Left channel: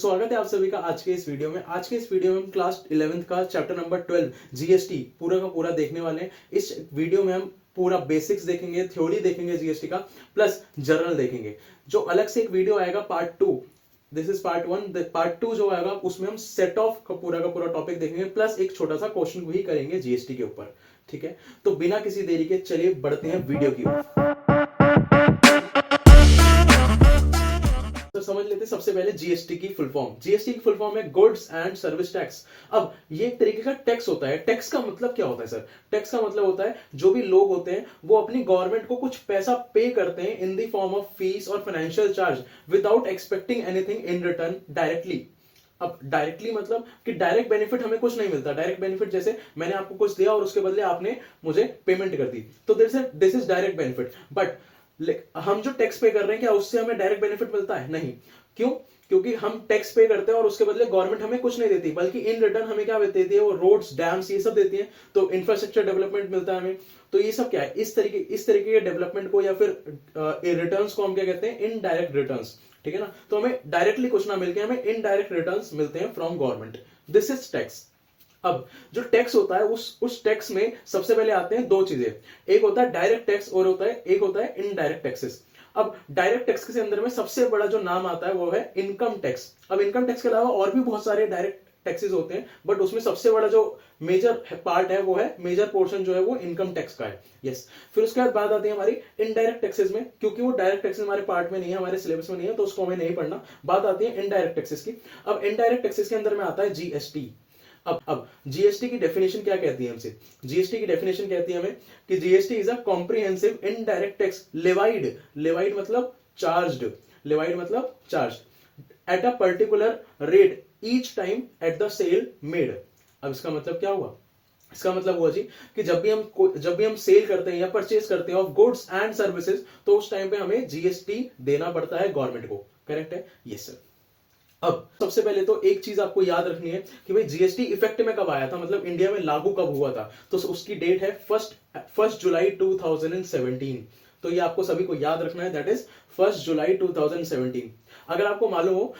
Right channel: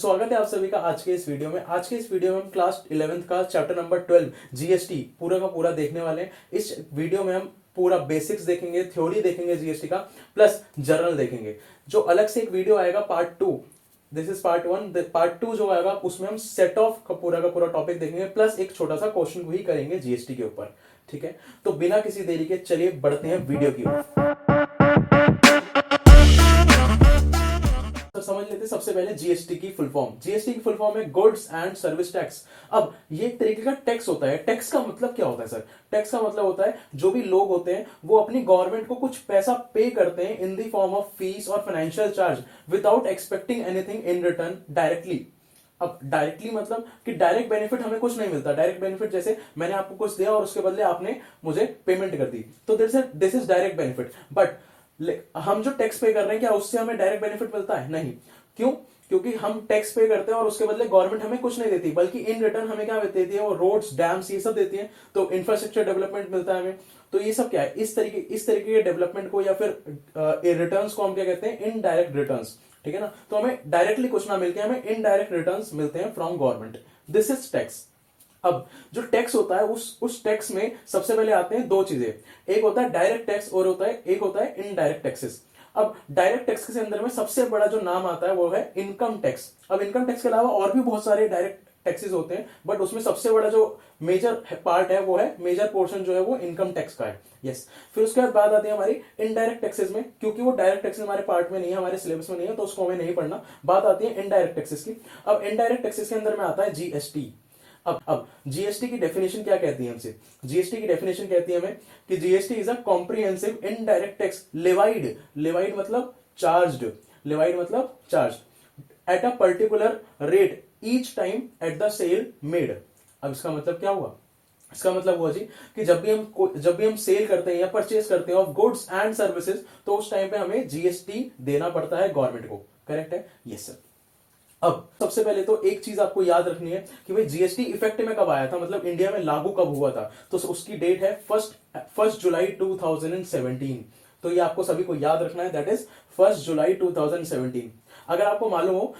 स्वागत है आप सभी का आज के इस वीडियो में। आज के इस वीडियो में हम क्लास 11th का चैप्टर नंबर 12 जीएसटी पूरा का पूरा देखने वाले हैं। इस वीडियो में हम पूरा बेसिक्स देखेंगे, थ्योरी देखेंगे जीएसटी का, प्लस जर्नल देखेंगे। जो अलग से एक वीडियो आएगा part 2, this is part 1, part 2 जो आएगा उसमें हम सेट ऑफ का पूरा टॉपिक देखेंगे, प्लस एक छोटा सा क्वेश्चन भी करेंगे जीएसटी के ऊपर। ठीक है, तो बिना किसी देरी के चलिए बढ़ते हैं वीडियो की ओर। तो समझ लेते हैं सबसे पहले जीएसटी की फुल फॉर्म। जीएसटी की फुल फॉर्म है गुड्स एंड सर्विस टैक्स। अब ये एक तरीके का टैक्स होता है। टैक्स का मतलब क्या होता है सर? टैक्स का मतलब होता है जो भी लोग होते हैं वो अपनी गवर्नमेंट को कुछ पैसा पे करते हैं in the form of fees और financial charge without expecting anything in return directly. अब डायरेक्टली मतलब कि डायरेक्ट बेनिफिट हमें कुछ नहीं मिलता। डायरेक्ट बेनिफिट जैसे मैंने आपको कुछ दिया और उसके बदले आपने मुझे पेमेंट कर दी, तो this is direct benefit. But हम जो टैक्स पे कर रहे हैं क्या उससे हमें डायरेक्ट बेनिफिट मिलता है? नहीं। क्यों? क्योंकि हम टैक्स पे करते हैं और उसके बदले गवर्नमेंट हमें कुछ नहीं देती, बल्कि इन रिटर्न हमें क्या देती है? वो रोड्स, डैम्स, ये सब देती है। तो इंफ्रास्ट्रक्चर डेवलपमेंट मिलता है हमें। तो ये सब क्या है? इस तरीके के डेवलपमेंट को या फिर रिटर्न्स को हम क्या कहते हैं? Indirect returns. ठीक है ना? तो हमें डायरेक्टली कुछ ना मिलके हमें इनडायरेक्ट रिटर्न्स मिलते हैं from government. This is tax. अब जो टैक्स होता है उस टैक्स में सबसे पहले आते हैं दो चीजें। एक होता है डायरेक्ट टैक्स और एक होता है इनडायरेक्ट टैक्सेस। अब डायरेक्ट टैक्स के अंदर में सबसे बड़ा जो नाम आता है वो है इनकम टैक्स। अब इनकम टैक्स के अलावा और भी बहुत सारे डायरेक्ट टैक्सेस होते हैं, बट उसमें सबसे बड़ा जो मेजर पार्ट है वो है, मेजर पोर्शन जो है वो इनकम टैक्स का है। यस। फिर उसके बाद बात आती है हमारी इनडायरेक्ट टैक्सेस में, क्योंकि वो डायरेक्ट टैक्सेस हमारे पार्ट में नहीं है, हमारे सिलेबस में नहीं है, तो उसको हमें नहीं पढ़ना। बात आती है इनडायरेक्ट टैक्सेस की। अब इनडायरेक्ट टैक्सेस के अंदर में आता है जीएसटी। अब जीएसटी की डेफिनेशन क्या कहती है हमसे? जीएसटी की डेफिनेशन कहती है हमें कि GST is a comprehensive indirect tax levied, levied मतलब चार्ज्ड, लेवाइड मतलब charge at a particular rate each time at the sale made. अब इसका मतलब क्या हुआ? इसका मतलब हुआ जी कि जब भी हम सेल करते हैं या परचेस करते हैं ऑफ गुड्स एंड सर्विसेज, तो उस टाइम पे हमें जीएसटी देना पड़ता है गवर्नमेंट को। करेक्ट है? Yes sir. अब सबसे पहले तो एक चीज आपको याद रखनी है कि भाई जीएसटी इफेक्ट में कब आया था, मतलब इंडिया में लागू कब हुआ था। तो उसकी डेट है फर्स्ट जुलाई 2017। तो ये आपको सभी को याद रखना है, दैट इज 1 जुलाई 2017। अगर आपको मालूम हो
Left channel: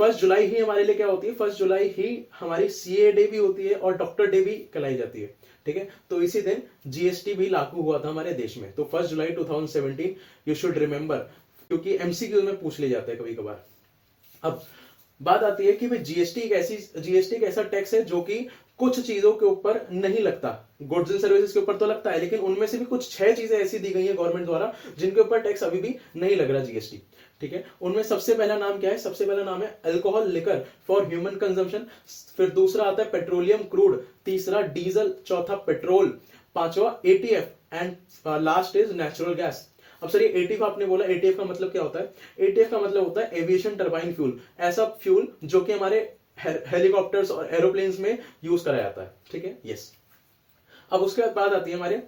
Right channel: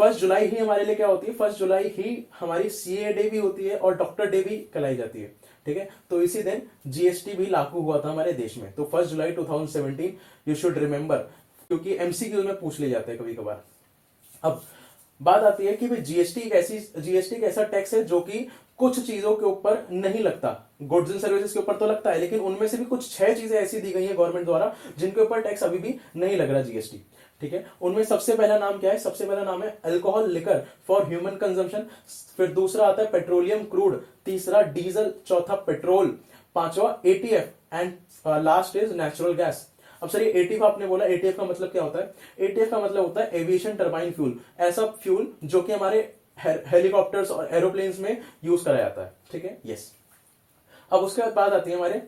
1 जुलाई ही हमारे लिए क्या होती है? 1 जुलाई ही हमारी सीए डे भी होती है और डॉक्टर डे भी कहलाई जाती है। ठीक है, तो इसी दिन जीएसटी भी लागू हुआ था हमारे देश में। तो 1 जुलाई 2017 यू शुड रिमेंबर, क्योंकि एमसीक्यू में पूछ ले जाते हैं कभी कभार। अब बात आती है कि भाई जीएसटी एक ऐसा टैक्स है जो कि कुछ चीजों के ऊपर नहीं लगता। गुड्स एंड सर्विसेज के ऊपर तो लगता है, लेकिन उनमें से भी कुछ 6 चीजें ऐसी दी गई है गवर्नमेंट द्वारा जिनके ऊपर टैक्स अभी भी नहीं लग रहा जीएसटी। ठीक है, उनमें सबसे पहला नाम क्या है? सबसे पहला नाम है alcohol liquor for human consumption. फिर दूसरा आता है पेट्रोलियम क्रूड, तीसरा डीजल, चौथा पेट्रोल, पांचवा ETF and last is natural gas. अब सर ये एटीएफ आपने बोला, एटीएफ का मतलब क्या होता है? एटीएफ का मतलब होता है एविएशन टर्बाइन फ्यूल, ऐसा फ्यूल जो कि हमारे हेलीकॉप्टर्स और एरोप्लेन्स में यूज करा जाता है। ठीक है, यस। अब उसके बाद आती है हमारे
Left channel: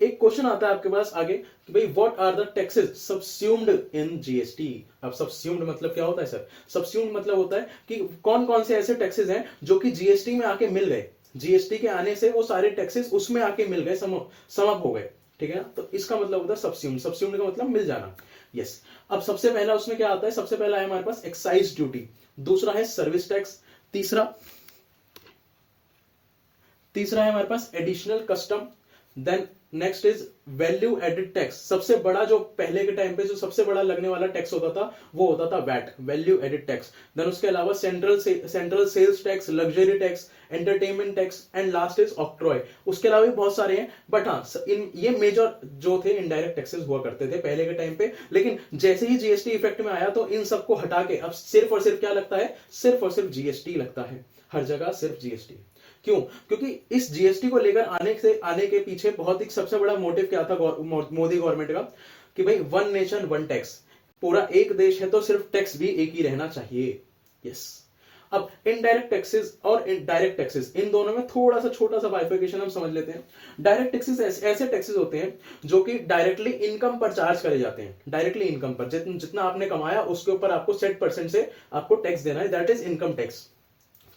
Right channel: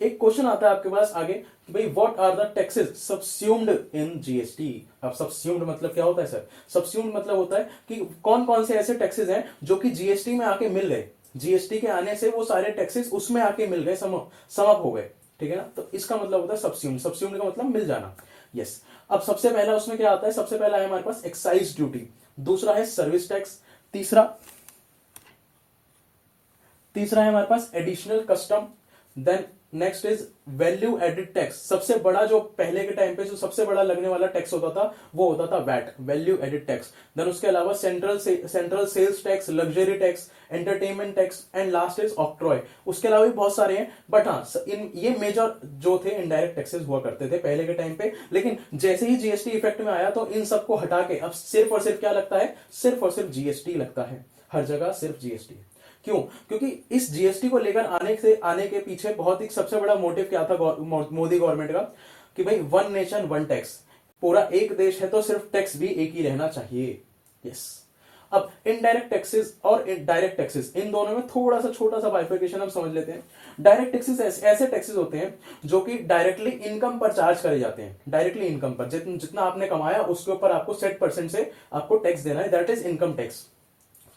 एक क्वेश्चन आता है आपके पास आगे कि भाई what are the taxes subsumed in GST. अब सब्स्यूम्ड मतलब क्या होता है सर? सब्स्यूम्ड मतलब होता है कि कौन कौन से ऐसे टैक्सेस हैं जो कि जीएसटी में आके मिल गए, जीएसटी के आने से वो सारे टैक्सेस उसमें आके मिल गए, समअप हो गए। ठीक है ना? तो इसका मतलब होता है सब्स्यूम्ड। सब्स्यूम्ड का मतलब मिल जाना। यस। अब सबसे पहला उसमें क्या आता है? सबसे पहला है हमारे पास एक्साइज ड्यूटी, दूसरा है सर्विस टैक्स, तीसरा है हमारे पास additional custom, then next is value added tax. सबसे बड़ा जो पहले के टाइम पे जो सबसे बड़ा लगने वाला टैक्स होता था वो होता था VAT, value added tax. Then उसके अलावा central sales tax, luxury tax, entertainment tax and last is octroi. उसके अलावा भी बहुत सारे हैं, बट हाँ ये मेजर जो थे इनडायरेक्ट टैक्सेस हुआ करते थे पहले के टाइम पे। लेकिन जैसे ही जीएसटी इफेक्ट में आया तो इन सबको हटा के अब सिर्फ और सिर्फ क्या लगता है? सिर्फ और सिर्फ जीएसटी लगता है, हर जगह सिर्फ जीएसटी। क्यों? क्योंकि इस जीएसटी को लेकर आने के पीछे बहुत ही सबसे बड़ा मोटिव क्या था मोदी गवर्नमेंट का कि भाई वन नेशन वन टैक्स, पूरा एक देश है तो सिर्फ टैक्स भी एक ही रहना चाहिए। यस। अब इनडायरेक्ट टैक्सेस और डायरेक्ट टैक्सेस, इन दोनों में थोड़ा सा छोटा सा बाइफिकेशन हम समझ लेते हैं। डायरेक्ट टैक्सेस ऐसे टैक्सेस होते हैं जो कि डायरेक्टली इनकम पर चार्ज करे जाते हैं। डायरेक्टली इनकम पर जितना आपने कमाया उसके ऊपर आपको सेट परसेंट से आपको टैक्स देना है, दैट इज इनकम टैक्स।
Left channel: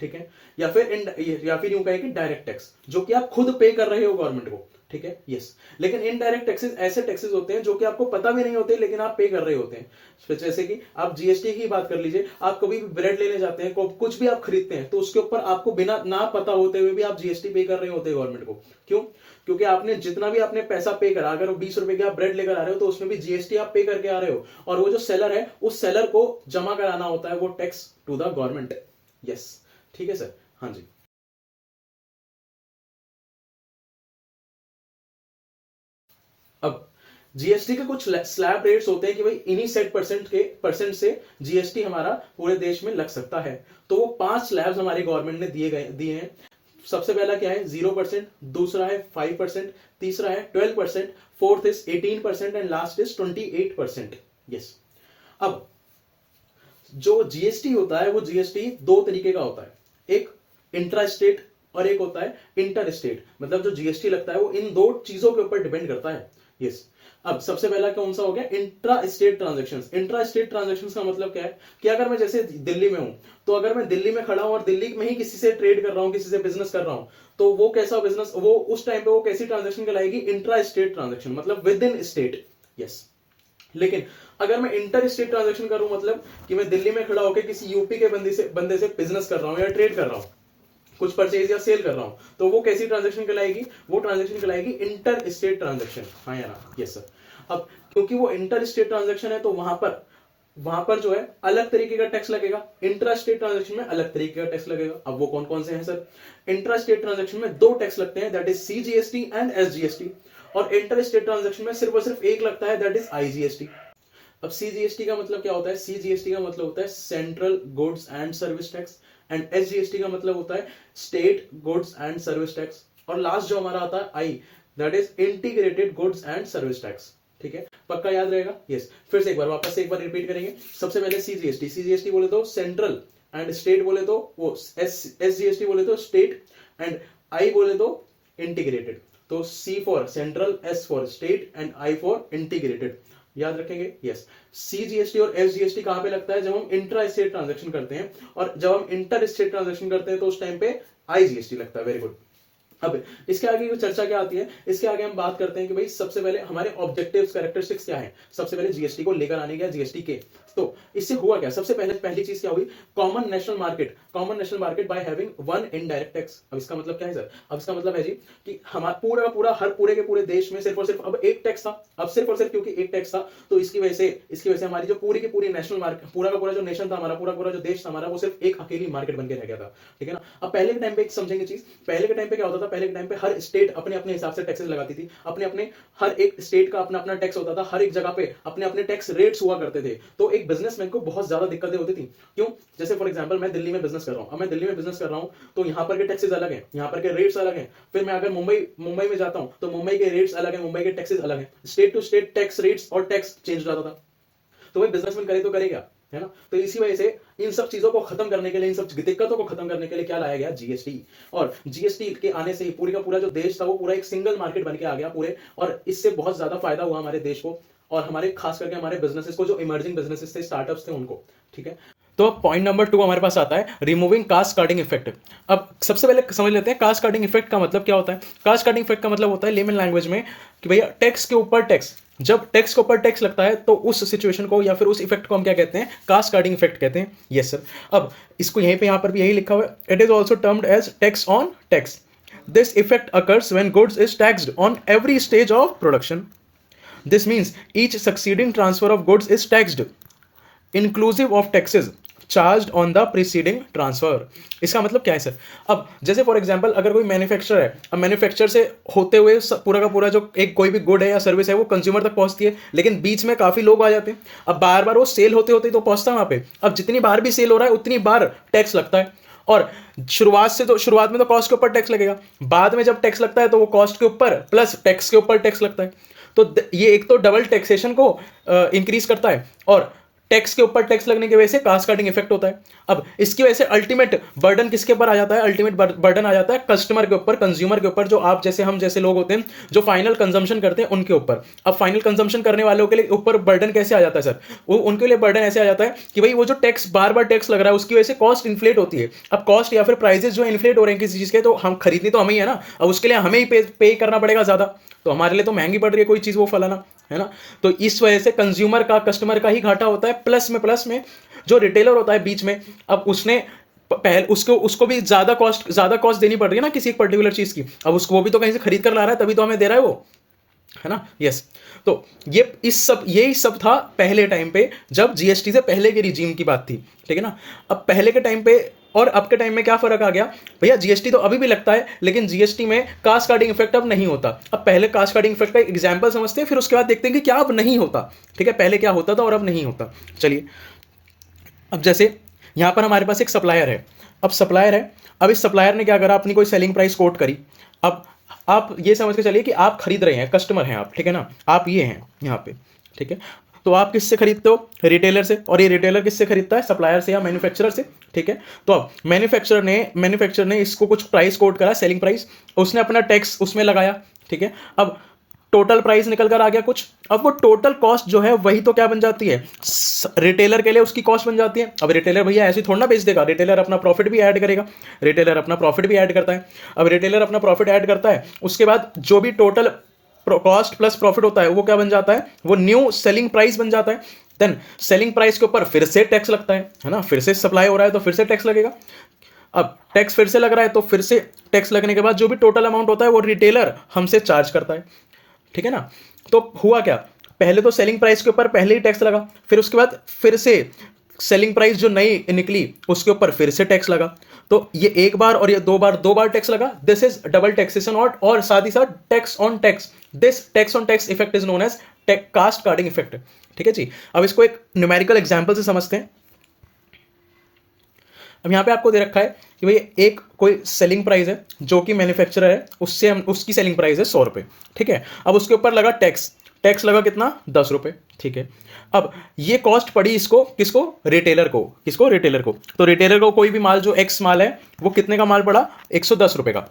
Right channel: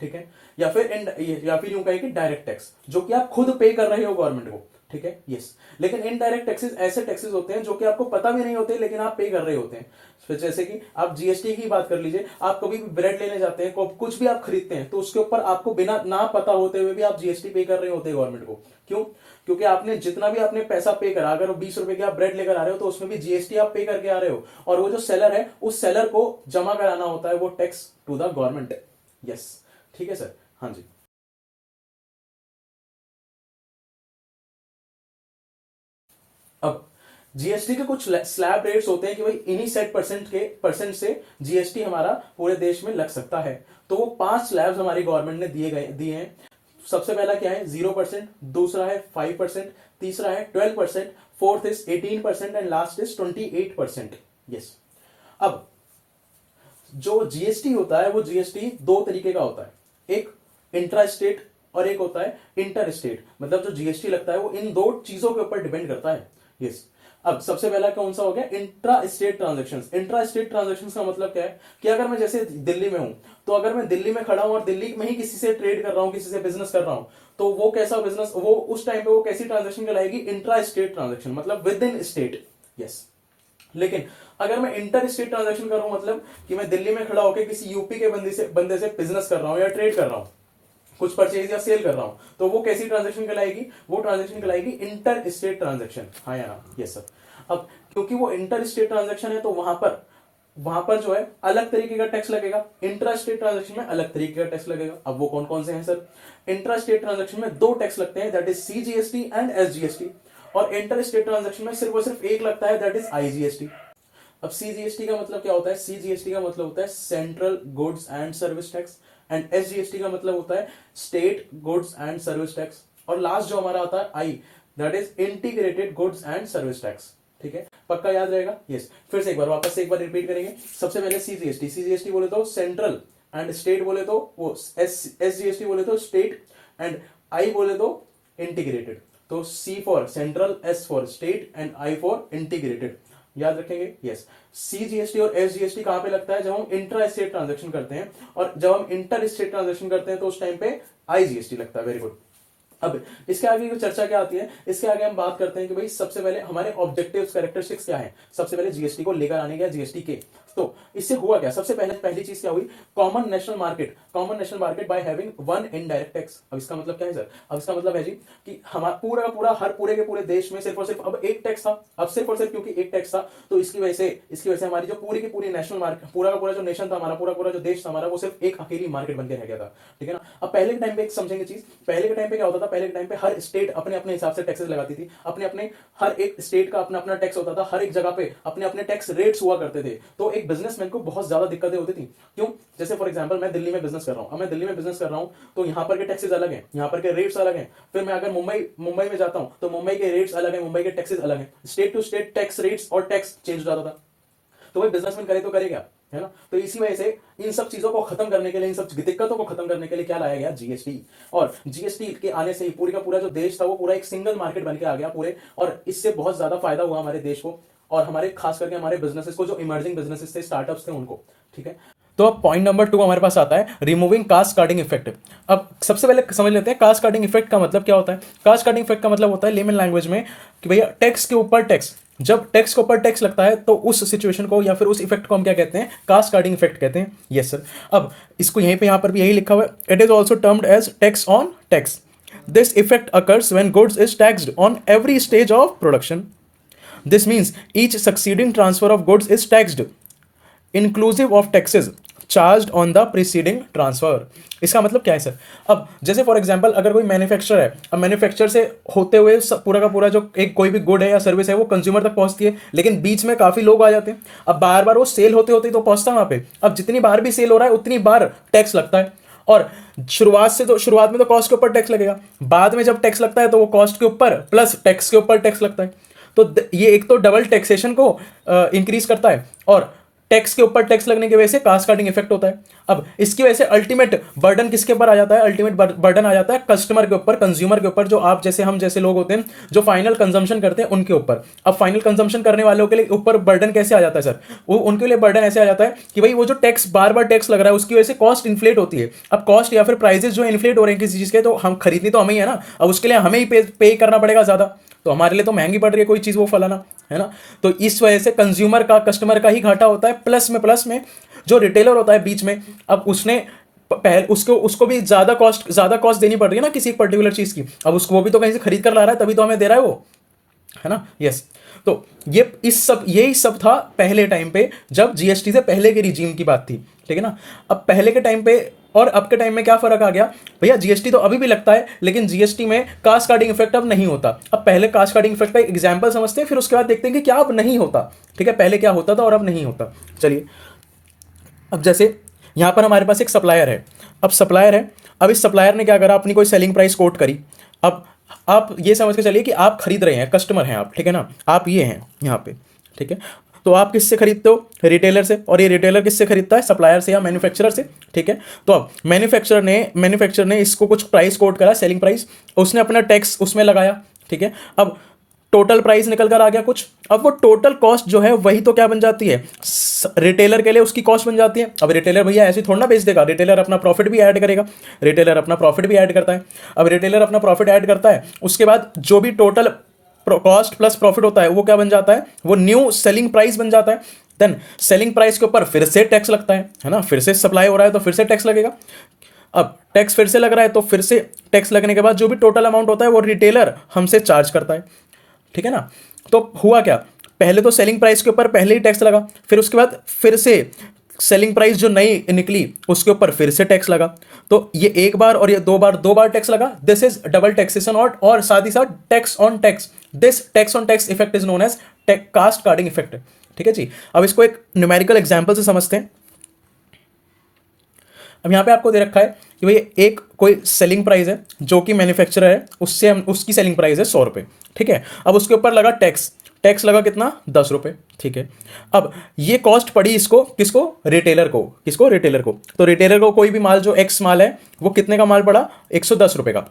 ठीक है, या फिर यूं कहें कि डायरेक्ट टैक्स जो कि आप खुद पे कर रहे हो गवर्नमेंट को, ठीक है, यस। लेकिन इनडायरेक्ट टैक्सेस ऐसे टैक्सेस होते हैं जो कि आपको पता भी नहीं होते लेकिन आप पे कर रहे होते हैं। तो जैसे कि आप जीएसटी की बात कर लीजिए, आप कभी भी ब्रेड लेने जाते हैं, कुछ भी आप खरीदते हैं, तो उसके ऊपर आपको बिना ना पता होते हुए भी आप जीएसटी पे कर रहे होते हैं गवर्नमेंट को। क्यों? क्योंकि आपने जितना भी आपने पैसा पे करा, अगर वो 20 रुपए की आप ब्रेड लेकर आ रहे हो तो उसमें भी जीएसटी आप पे करके आ रहे हो, और वो जो सेलर है उस सेलर को जमा कराना होता है वो tax to the government. Yes, ठीक है सर, हाँ जी। अब जीएसटी के कुछ स्लैब रेट्स होते हैं कि भाई इन्हीं सेट परसेंट से जीएसटी हमारा पूरे देश में लग सकता है। तो वो 5 स्लैब्स हमारी गवर्नमेंट ने दिए हैं। सबसे पहला क्या है? 0%, दूसरा है 5%, तीसरा है 12%, fourth is 18% and last is 28%। Yes. अब जो जीएसटी होता है वो जीएसटी दो तरीके का होता है, एक इंट्रा स्टेट और एक होता है इंटर स्टेट। मतलब जो जीएसटी लगता है वो इन दो चीजों के ऊपर डिपेंड करता है। यस। अब सबसे पहला कौन सा हो गया? Intra state transactions. Intra state transactions का मतलब क्या है कि अगर मैं जैसे दिल्ली में हूं, तो अगर मैं दिल्ली में खड़ा हूं और दिल्ली में ही किसी से ट्रेड कर रहा हूं, किसी से बिजनेस कर रहा हूं, तो वो कैसा बिजनेस, वो उस टाइम पे वो कैसी ट्रांजेक्शन कहलाएगी? इंट्रा स्टेट ट्रांजेक्शन, मतलब विद इन स्टेट। यस। लेकिन अगर मैं इंटर स्टेट ट्रांजेक्शन कर रहा हूं, मतलब कि मैं दिल्ली में खड़ा होकर किसी यूपी के बंदे से बिजनेस कर रहा हूं या ट्रेड कर रहा हूं, कुछ परचेज या सेल कर रहा हूं, तो वो कैसी ट्रांजेक्शन कहलाएगी? वो ट्रांजेक्शन कहलाएगी इंटर स्टेट ट्रांजेक्शन। हाँ या ना? Yes sir. अब क्योंकि वो इंटर स्टेट ट्रांजेक्शन है तो वहां पर जो है अलग तरीके का टैक्स लगेगा, इंट्रा स्टेट ट्रांजेक्शन में अलग तरीके का टैक्स लगेगा। अब वो कौन कौन से हैं सर? इंट्रा स्टेट ट्रांजेक्शन में 2 टैक्स लगते हैं, that is CGST and SGST, और इंटर स्टेट ट्रांजेक्शन में सिर्फ और सिर्फ एक लगता है, दैट इज आईजीएसटी। अब सीजीएसटी का मतलब क्या होता है? सीजीएसटी का मतलब होता है central goods and service tax, and SGST का मतलब होता है state goods and service tax, और लास्ट जो हमारा आता है I, that is integrated goods and service tax. ठीक है, पक्का याद रहेगा? यस। फिर से एक बार रिपीट करेंगे। सबसे पहले सीजीएसटी, सीजीएसटी बोले तो सेंट्रल, एंड स्टेट बोले तो वो एसजीएसटी बोले तो स्टेट, एंड आई बोले तो इंटीग्रेटेड। तो C for central, S for state, and I for integrated. याद रखेंगे? यस। सीजीएसटी और एसजीएसटी कहां पे लगता है? जब हम इंट्रा स्टेट ट्रांजेक्शन करते हैं, और जब हम इंटर स्टेट ट्रांजेक्शन करते हैं तो उस टाइम पे आईजीएसटी लगता है। Very good. अब इसके आगे जो चर्चा क्या आती है, इसके आगे हम बात करते हैं कि भाई सबसे पहले हमारे ऑब्जेक्टिव्स, कैरेक्टरिस्टिक्स क्या है। सबसे पहले जीएसटी को लेकर आने गया, जीएसटी के, तो इससे हुआ क्या? सबसे पहली चीज क्या हुई? Common national market by having one indirect tax. अब इसका मतलब क्या है सर? अब इसका मतलब है जी कि हमारा पूरा का पूरा पूरे के पूरे देश में सिर्फ और सिर्फ अब एक टैक्स था। अब सिर्फ और सिर्फ क्योंकि एक टैक्स था तो इसकी वजह से हमारी जो पूरी की पूरी नेशनल मार्केट, पूरा का पूरा जो नेशन था हमारा, पूरा पूरा जो देश था हमारा, वो सिर्फ एक अकेली मार्केट बन के रह गया था। ठीक है ना? अब पहले के टाइम पे एक समझेंगे चीज, पहले के टाइम पे क्या होता था? पहले के टाइम पे हर स्टेट अपने अपने हिसाब से टैक्सेस लगाती थी, अपने हर एक स्टेट का अपना अपना टैक्स होता था, हर एक जगह पे अपने अपने टैक्स रेट्स हुआ करते थे। तो एक बिजनेसमैन को बहुत ज्यादा दिक्कतें होती थी। क्यों? जैसे फॉर एग्जांपल मैं दिल्ली में बिजनेस कर रहा हूं, अब मैं दिल्ली में बिजनेस कर रहा हूं तो यहां पर के टैक्सेस अलग हैं, यहां पर के रेट्स अलग हैं। फिर मैं अगर मुंबई में जाता हूं तो मुंबई के रेट्स अलग हैं, मुंबई के टैक्सेस अलग हैं। State to state tax rates और टैक्स चेंज हो जाता था। तो वही बिजनेसमैन करे तो करेगा, है ना? तो इसी वजह से इन सब चीजों को खत्म करने के लिए, इन सब दिक्कतों को खत्म करने के लिए क्या लाया गया? जीएसटी। और जीएसटी के आने से ही पूरी का पूरा जो देश था वो पूरा एक सिंगल मार्केट बन के आ गया पूरे, और इससे बहुत ज्यादा फायदा हुआ हमारे देश को, और हमारे खास करके हमारे बिजनेसेस को, जो इमर्जिंग बिजनेसेस थे, स्टार्टअप्स थे, उनको। ठीक है, तो अब पॉइंट नंबर 2 हमारे पास आता है रिमूविंग कास्ट कार्डिंग इफेक्ट। अब सबसे पहले समझ लेते हैं कास्ट कार्डिंग इफेक्ट का मतलब क्या होता है। कास्ट कार्डिंग इफेक्ट का मतलब होता है लेमन लैंग्वेज में कि भैया टैक्स के ऊपर टैक्स, जब टैक्स के ऊपर टैक्स लगता है तो उस सिचुएशन को या फिर उस इफेक्ट को हम क्या कहते हैं? कास्ट कार्डिंग इफेक्ट कहते हैं। Yes sir. अब इसको यहां पर भी यही लिखा हुआ है, it is also termed as tax on tax. This effect occurs when goods is taxed on every stage of production. This means each succeeding transfer of goods is taxed, inclusive of taxes charged on the preceding transfer। इसका मतलब क्या है sir? अब जैसे for example अगर कोई manufacturer है, अब मैन्युफैक्चर से होते हुए पूरा का पूरा जो एक कोई भी गुड है या सर्विस है वो कंज्यूमर तक पहुंचती है, लेकिन बीच में काफी लोग आ जाते हैं। अब बार बार वो सेल होते होते तो पहुंचता है वहां पे। अब जितनी बार भी सेल हो रहा है उतनी बार टैक्स लगता है, और शुरुआत में तो कॉस्ट के ऊपर टैक्स लगेगा, बाद में जब टैक्स लगता है तो वो कॉस्ट के ऊपर प्लस टैक्स के ऊपर टैक्स लगता है। तो ये एक तो डबल टैक्सेशन को इंक्रीज करता है, और टैक्स के ऊपर टैक्स लगने की वजह से कास्केडिंग इफेक्ट होता है। अब इसकी वजह से अल्टीमेट बर्डन किसके ऊपर आ जाता है? अल्टीमेट बर्डन आ जाता है कस्टमर के ऊपर, कंज्यूमर के ऊपर, जो आप जैसे हम जैसे लोग होते हैं जो फाइनल कंजम्पशन करते हैं उनके ऊपर। अब फाइनल कंजम्पशन करने वालों के लिए ऊपर बर्डन कैसे आ जाता है सर? वो उनके लिए बर्डन ऐसे आ जाता है कि भाई वो जो टैक्स बार बार टैक्स लग रहा है उसकी वजह से कॉस्ट इन्फ्लेट होती है। अब कॉस्ट या फिर प्राइसेस जो इन्फ्लेट हो रहे हैं किसी चीज के, तो हम खरीदनी तो हमें ही है ना, अब उसके लिए हमें ही पे करना पड़ेगा ज्यादा, तो हमारे लिए तो महंगी पड़ रही है कोई चीज वो फलाना, है ना। तो इस वजह से कंज्यूमर का, कस्टमर का ही घाटा होता है। प्लस में जो रिटेलर होता है बीच में, अब उसने पहले उसको भी ज्यादा कॉस्ट देनी पड़ रही है ना किसी एक पर्टिकुलर चीज की। अब उसको वो भी तो कहीं से खरीद कर ला रहा है, तभी तो हमें दे रहा है वो, है ना। यस, तो यही सब था पहले टाइम पे जब जीएसटी से पहले के रिजीम की बात थी, ठीक है ना। अब पहले के टाइम पे और अब के टाइम में क्या फर्क आ गया भैया? जीएसटी तो अभी भी लगता है, लेकिन जीएसटी में कास्केडिंग इफेक्ट अब नहीं होता। अब पहले कास्केडिंग इफेक्ट का एग्जांपल समझते हैं, फिर उसके बाद देखते हैं कि क्या अब नहीं होता, ठीक है। पहले क्या होता था और अब नहीं होता। चलिए, अब जैसे यहां पर हमारे पास एक सप्लायर है। अब सप्लायर है, अब इस सप्लायर ने क्या करा? अपनी कोई सेलिंग प्राइस कोट करी। अब आप ये समझ के चलिए कि आप खरीद रहे हैं, कस्टमर हैं आप, ठीक है ना, आप ये हैं यहाँ पे, ठीक है। तो आप किससे खरीदते हो? रिटेलर से। और ये रिटेलर किससे खरीदता है? सप्लायर से या मैन्युफैक्चरर से, ठीक है। तो अब मैन्युफैक्चरर ने इसको कुछ प्राइस कोट करा, सेलिंग प्राइस, उसने अपना टैक्स उसमें लगाया, ठीक है। अब टोटल प्राइस निकल कर आ गया कुछ। अब वो टोटल कॉस्ट जो है वही तो क्या बन जाती है? रिटेलर के लिए उसकी कॉस्ट बन जाती है। अब रिटेलर भैया ऐसे थोड़ा ना बेच देगा, रिटेलर अपना प्रॉफिट भी ऐड करेगा, रिटेलर अपना प्रॉफिट भी ऐड करता है। अब रिटेलर अपना प्रॉफिट ऐड करता है, उसके बाद जो भी टोटल कॉस्ट प्लस प्रॉफिट होता है वो क्या बन जाता है? वो न्यू सेलिंग प्राइस बन जाता है। देन सेलिंग प्राइस के ऊपर फिर से टैक्स लगता है ना, फिर से सप्लाई हो रहा है तो फिर से टैक्स लगेगा। अब टैक्स फिर से लग रहा है तो फिर से टैक्स लगने के बाद जो भी टोटल अमाउंट होता है वो रिटेलर हमसे चार्ज करता है, ठीक है ना। तो हुआ क्या? पहले तो सेलिंग प्राइस के ऊपर पहले ही टैक्स लगा, फिर उसके बाद फिर से सेलिंग प्राइस जो नई निकली उसके ऊपर फिर से टैक्स लगा। तो ये एक बार और ये दो बार टैक्स लगा। This is double taxation. और साथ ही साथ tax on tax, this tax on tax effect is known as cascading effect, ठीक है जी। अब इसको एक न्यूमेरिकल एग्जांपल से समझते हैं। अब यहाँ पे आपको दे रखा है कि भाई एक कोई सेलिंग प्राइस है जो कि मैन्युफैक्चरर है, उससे हम उसकी सेलिंग प्राइस है 100 रुपये, ठीक है। अब उसके ऊपर लगा टैक्स लगा कितना? 10 रुपये, ठीक है। अब ये कॉस्ट पड़ी इसको, किसको? रिटेलर को। किसको? रिटेलर को। तो रिटेलर को कोई भी माल जो एक्स माल है वो कितने का माल पड़ा? 110 रुपये का।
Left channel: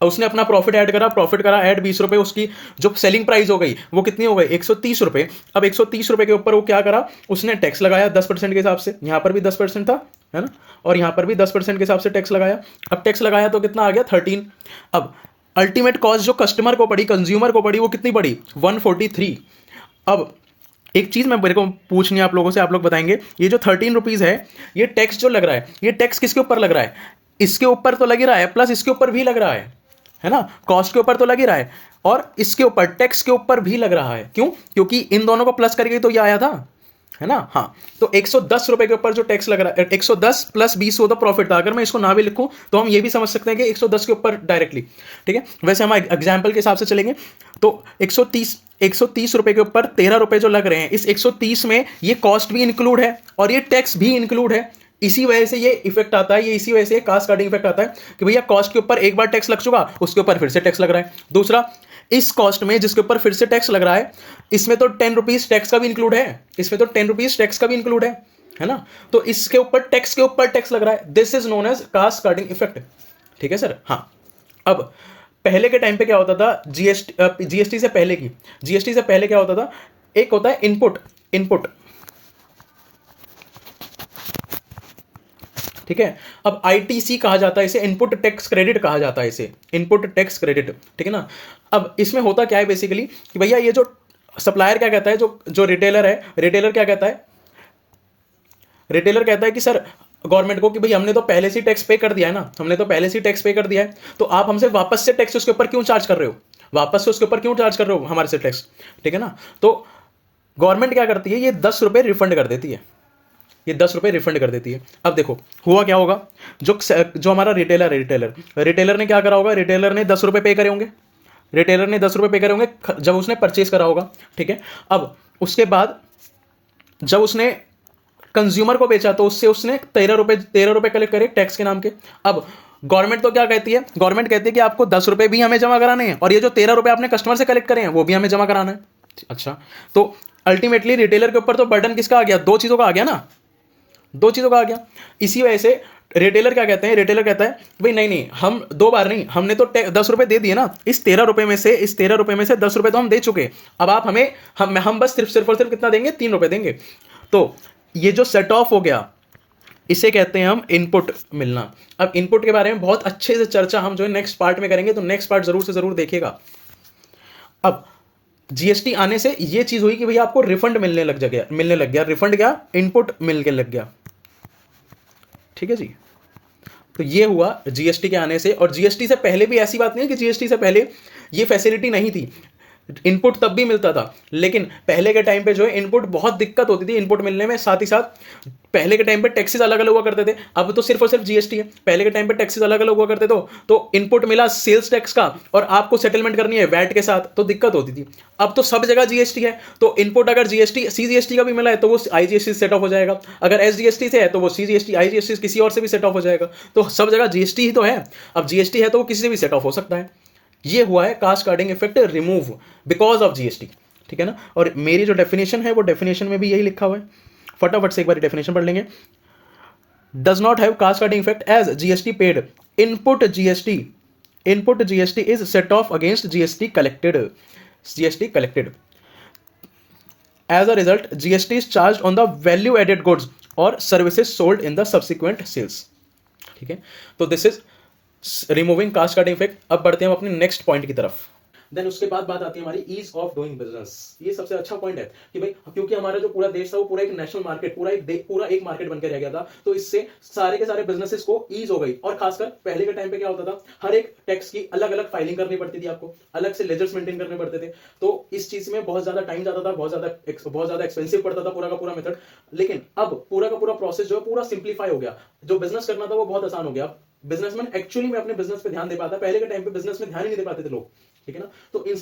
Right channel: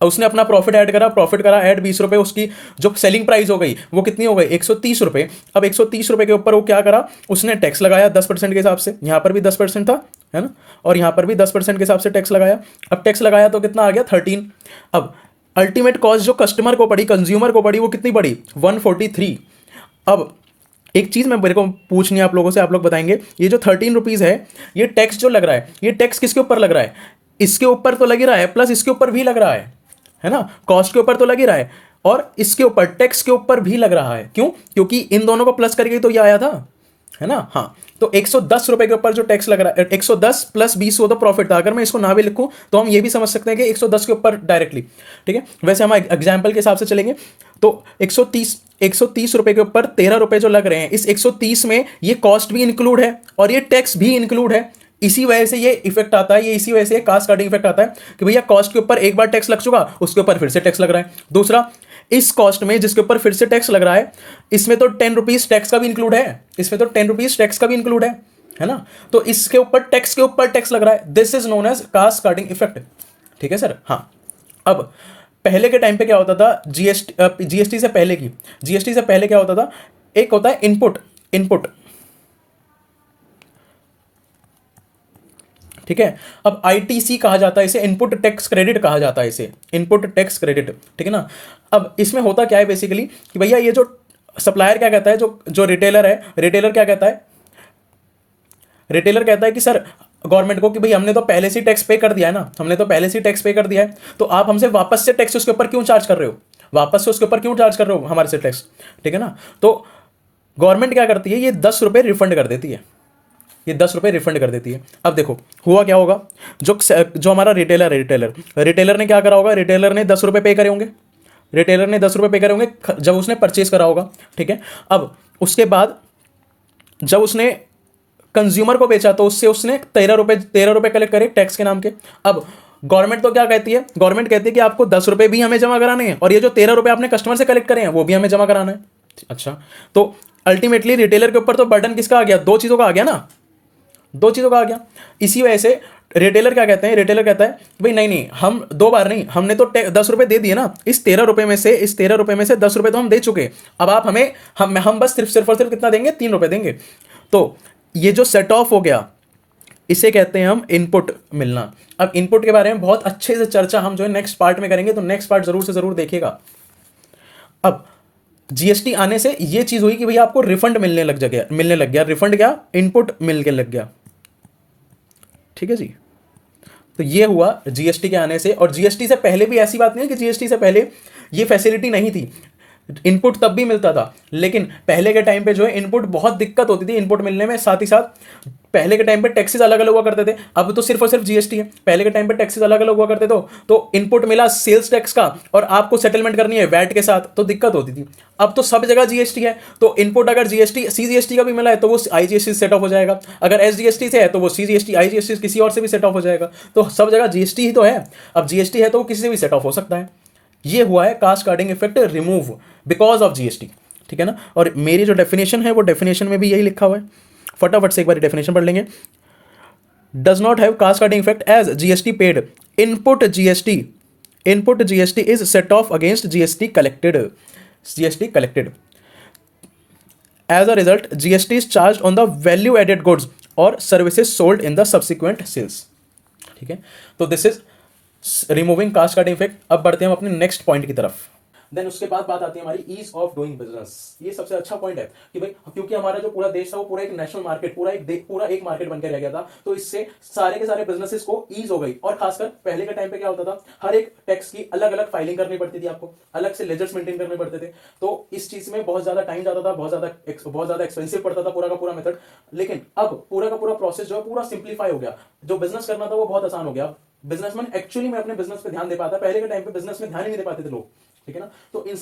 उसने अपना प्रॉफिट ऐड करा, प्रॉफिट करा ऐड 20 रुपये, उसकी जो सेलिंग प्राइस हो गई वो कितनी हो गई? 130 रुपये। अब 130 रुपये के ऊपर वो क्या करा? उसने टैक्स लगाया 10% के हिसाब से। यहाँ पर भी 10% था, है ना, और यहाँ पर भी 10% के हिसाब से टैक्स लगाया। अब टैक्स लगाया तो कितना आ गया? 13। अब अल्टीमेट कॉस्ट जो कस्टमर को पड़ी, कंज्यूमर को पड़ी, वो कितनी पड़ी? 143। अब एक चीज मैं मेरे को पूछनी है आप लोगों से, आप लोग बताएंगे, ये जो 13 रुपीज है, ये टैक्स जो लग रहा है, ये टैक्स किसके ऊपर लग रहा है? इसके ऊपर तो लग ही रहा है, प्लस इसके ऊपर भी लग रहा है ना, कॉस्ट के ऊपर तो लग ही रहा है, और इसके ऊपर टैक्स के ऊपर भी लग रहा है। क्यों? क्योंकि इन दोनों को प्लस करके तो ये आया था, है ना। हाँ, तो 110 रुपए के ऊपर जो टैक्स लग रहा है, 110 प्लस 20 वो तो प्रॉफिट था। अगर मैं इसको ना भी लिखूं तो हम ये भी समझ सकते हैं कि 110 के ऊपर डायरेक्टली, ठीक है। वैसे हम एग्जाम्पल के हिसाब से चलेंगे तो 130 रुपए के ऊपर 13 रुपए जो लग रहे हैं, इस 130 में ये कॉस्ट भी इंक्लूड है और ये टैक्स भी इंक्लूड है। इसी वजह से ये इफेक्ट आता है, ये इसी वजह से कास्केडिंग इफेक्ट आता है कि भैया कॉस्ट के ऊपर एक बार टैक्स लग चुका, उसके ऊपर फिर से टैक्स लग रहा है। दूसरा, इस कॉस्ट में जिसके ऊपर फिर से टैक्स लग रहा है, इसमें तो 10 रुपीज टैक्स का भी इंक्लूड है, इसमें तो 10 रुपीज टैक्स का भी इंक्लूड है ना। तो इसके ऊपर टैक्स के ऊपर टैक्स लग रहा है। This is known as cascading effect, ठीक है सर। हाँ, अब पहले के टाइम पे क्या होता था? जीएसटी से पहले क्या होता था? एक होता है इनपुट, ठीक है। अब आईटीसी कहा जाता है इसे, इनपुट टैक्स क्रेडिट कहा जाता है इसे, इनपुट टैक्स क्रेडिट, ठीक है ना। अब इसमें होता क्या है बेसिकली कि भैया ये जो सप्लायर क्या कहता है, जो रिटेलर है, रिटेलर क्या कहता है? रिटेलर कहता है कि सर गवर्नमेंट को कि भाई हमने तो पहले से टैक्स पे कर दिया है ना, हमने तो पहले से टैक्स पे कर दिया है, तो आप हमसे वापस से टैक्स उसके ऊपर क्यों चार्ज कर रहे हो? वापस से उसके ऊपर क्यों चार्ज कर रहे हो हमारे से टैक्स, ठीक है ना। तो गवर्नमेंट क्या करती है? ये 10 रुपये रिफंड कर देती है, ये 10 रुपये रिफंड कर देती है। अब देखो हुआ क्या होगा, जो हमारा रिटेलर ने क्या करा होगा? रिटेलर ने 10 रुपये पे करे होंगे, रिटेलर ने 10 रुपये पे करे होंगे जब उसने परचेज करा होगा, ठीक है। अब उसके बाद जब उसने कंज्यूमर को बेचा तो उससे उसने 13 रुपये कलेक्ट करे टैक्स के नाम के। अब गवर्नमेंट तो क्या कहती है? गवर्नमेंट कहती है कि आपको 10 रुपये भी हमें जमा कराने हैं और ये जो 13 रुपये आपने कस्टमर से कलेक्ट करे हैं वो भी हमें जमा कराना है। अच्छा, तो अल्टीमेटली रिटेलर के ऊपर तो बर्डन किसका आ गया, दो चीज़ों का आ गया ना, दो चीज़ों का आ गया। इसी वजह से रिटेलर क्या कहते हैं, रिटेलर कहता है भाई नहीं नहीं, हम दो बार नहीं, हमने तो 10 रुपए दे दिए ना, इस 13 रुपए में से, इस 13 रुपए में से 10 रुपए तो हम दे चुके, अब आप हमें, हम बस सिर्फ और सिर्फ कितना देंगे, 3 रुपए देंगे। तो ये जो सेट ऑफ हो गया, इसे कहते हैं हम इनपुट मिलना। अब इनपुट के बारे में बहुत अच्छे से चर्चा हम जो है नेक्स्ट पार्ट में करेंगे, तो नेक्स्ट पार्ट जरूर से जरूर देखिएगा। अब जीएसटी आने से ये चीज हुई कि भैया आपको रिफंड मिलने लग गया, रिफंड क्या, इनपुट मिल के लग गया, ठीक है जी। तो ये हुआ जीएसटी के आने से। और जीएसटी से पहले भी ऐसी बात नहीं है कि जीएसटी से पहले ये फैसिलिटी नहीं थी, इनपुट तब भी मिलता था, लेकिन पहले के टाइम पे जो है इनपुट बहुत दिक्कत होती थी इनपुट मिलने में। साथ ही साथ पहले के टाइम पे टैक्सेस अलग अलग हुआ करते थे, अब तो सिर्फ और सिर्फ जीएसटी है। पहले के टाइम पे टैक्सेस अलग अलग हुआ करते थे, तो इनपुट मिला सेल्स टैक्स का और आपको सेटलमेंट करनी है वैट के साथ, तो दिक्कत होती थी। अब तो सब जगह जीएसटी है, तो इनपुट अगर जीएसटी सीजीएसटी का भी मिला है तो वो आईजीएसटी सेट ऑफ हो जाएगा, अगर एसजीएसटी से है तो वो सीजीएसटी आईजीएसटी किसी और से भी सेट ऑफ हो जाएगा। तो सब जगह जीएसटी ही तो है, अब जीएसटी है तो वो किसी से भी सेट ऑफ हो सकता है। ये हुआ है cascading effect remove because of GST, ठीक है ना। और मेरी जो डेफिनेशन है वो डेफिनेशन में भी यही लिखा हुआ है, फटाफट से एक बार डेफिनेशन पढ़ लेंगे। Does not have cascading effect as GST paid, input GST is set off against GST collected, as a result GST is charge on the value added goods और services sold in the subsequent sales, ठीक है। तो this is removing cascading effect. अब बढ़ते हैं हम अपने next point की तरफ। देन उसके बाद बात आती है हमारी ईज ऑफ डूइंग बिजनेस। ये सबसे अच्छा पॉइंट है कि भाई क्योंकि हमारा जो पूरा देश था वो पूरा एक नेशनल मार्केट, पूरा एक मार्केट बनकर रह गया था, तो इससे सारे के सारे बिजनेसेस को ईज हो गई। और खासकर पहले के टाइम पे क्या होता था, हर एक टैक्स की अलग अलग फाइलिंग करनी पड़ती थी, आपको अलग से लेजर्स मेंटेन करने पड़ते थे, तो इस चीज में बहुत ज्यादा टाइम जाता था, बहुत ज्यादा एक्सपेंसिव पड़ता था पूरा का पूरा मेथड। लेकिन अब पूरा का पूरा प्रोसेस जो है पूरा सिंप्लीफाई हो गया, जो बिजनेस करना था वो बहुत आसान हो गया। बिजनेसमैन एक्चुअली में अपने बिजनेस पे ध्यान दे पाता, पहले के टाइम पे बिजनेस में ध्यान ही नहीं दे पाते थे लोग, ठीक है ना। तो इन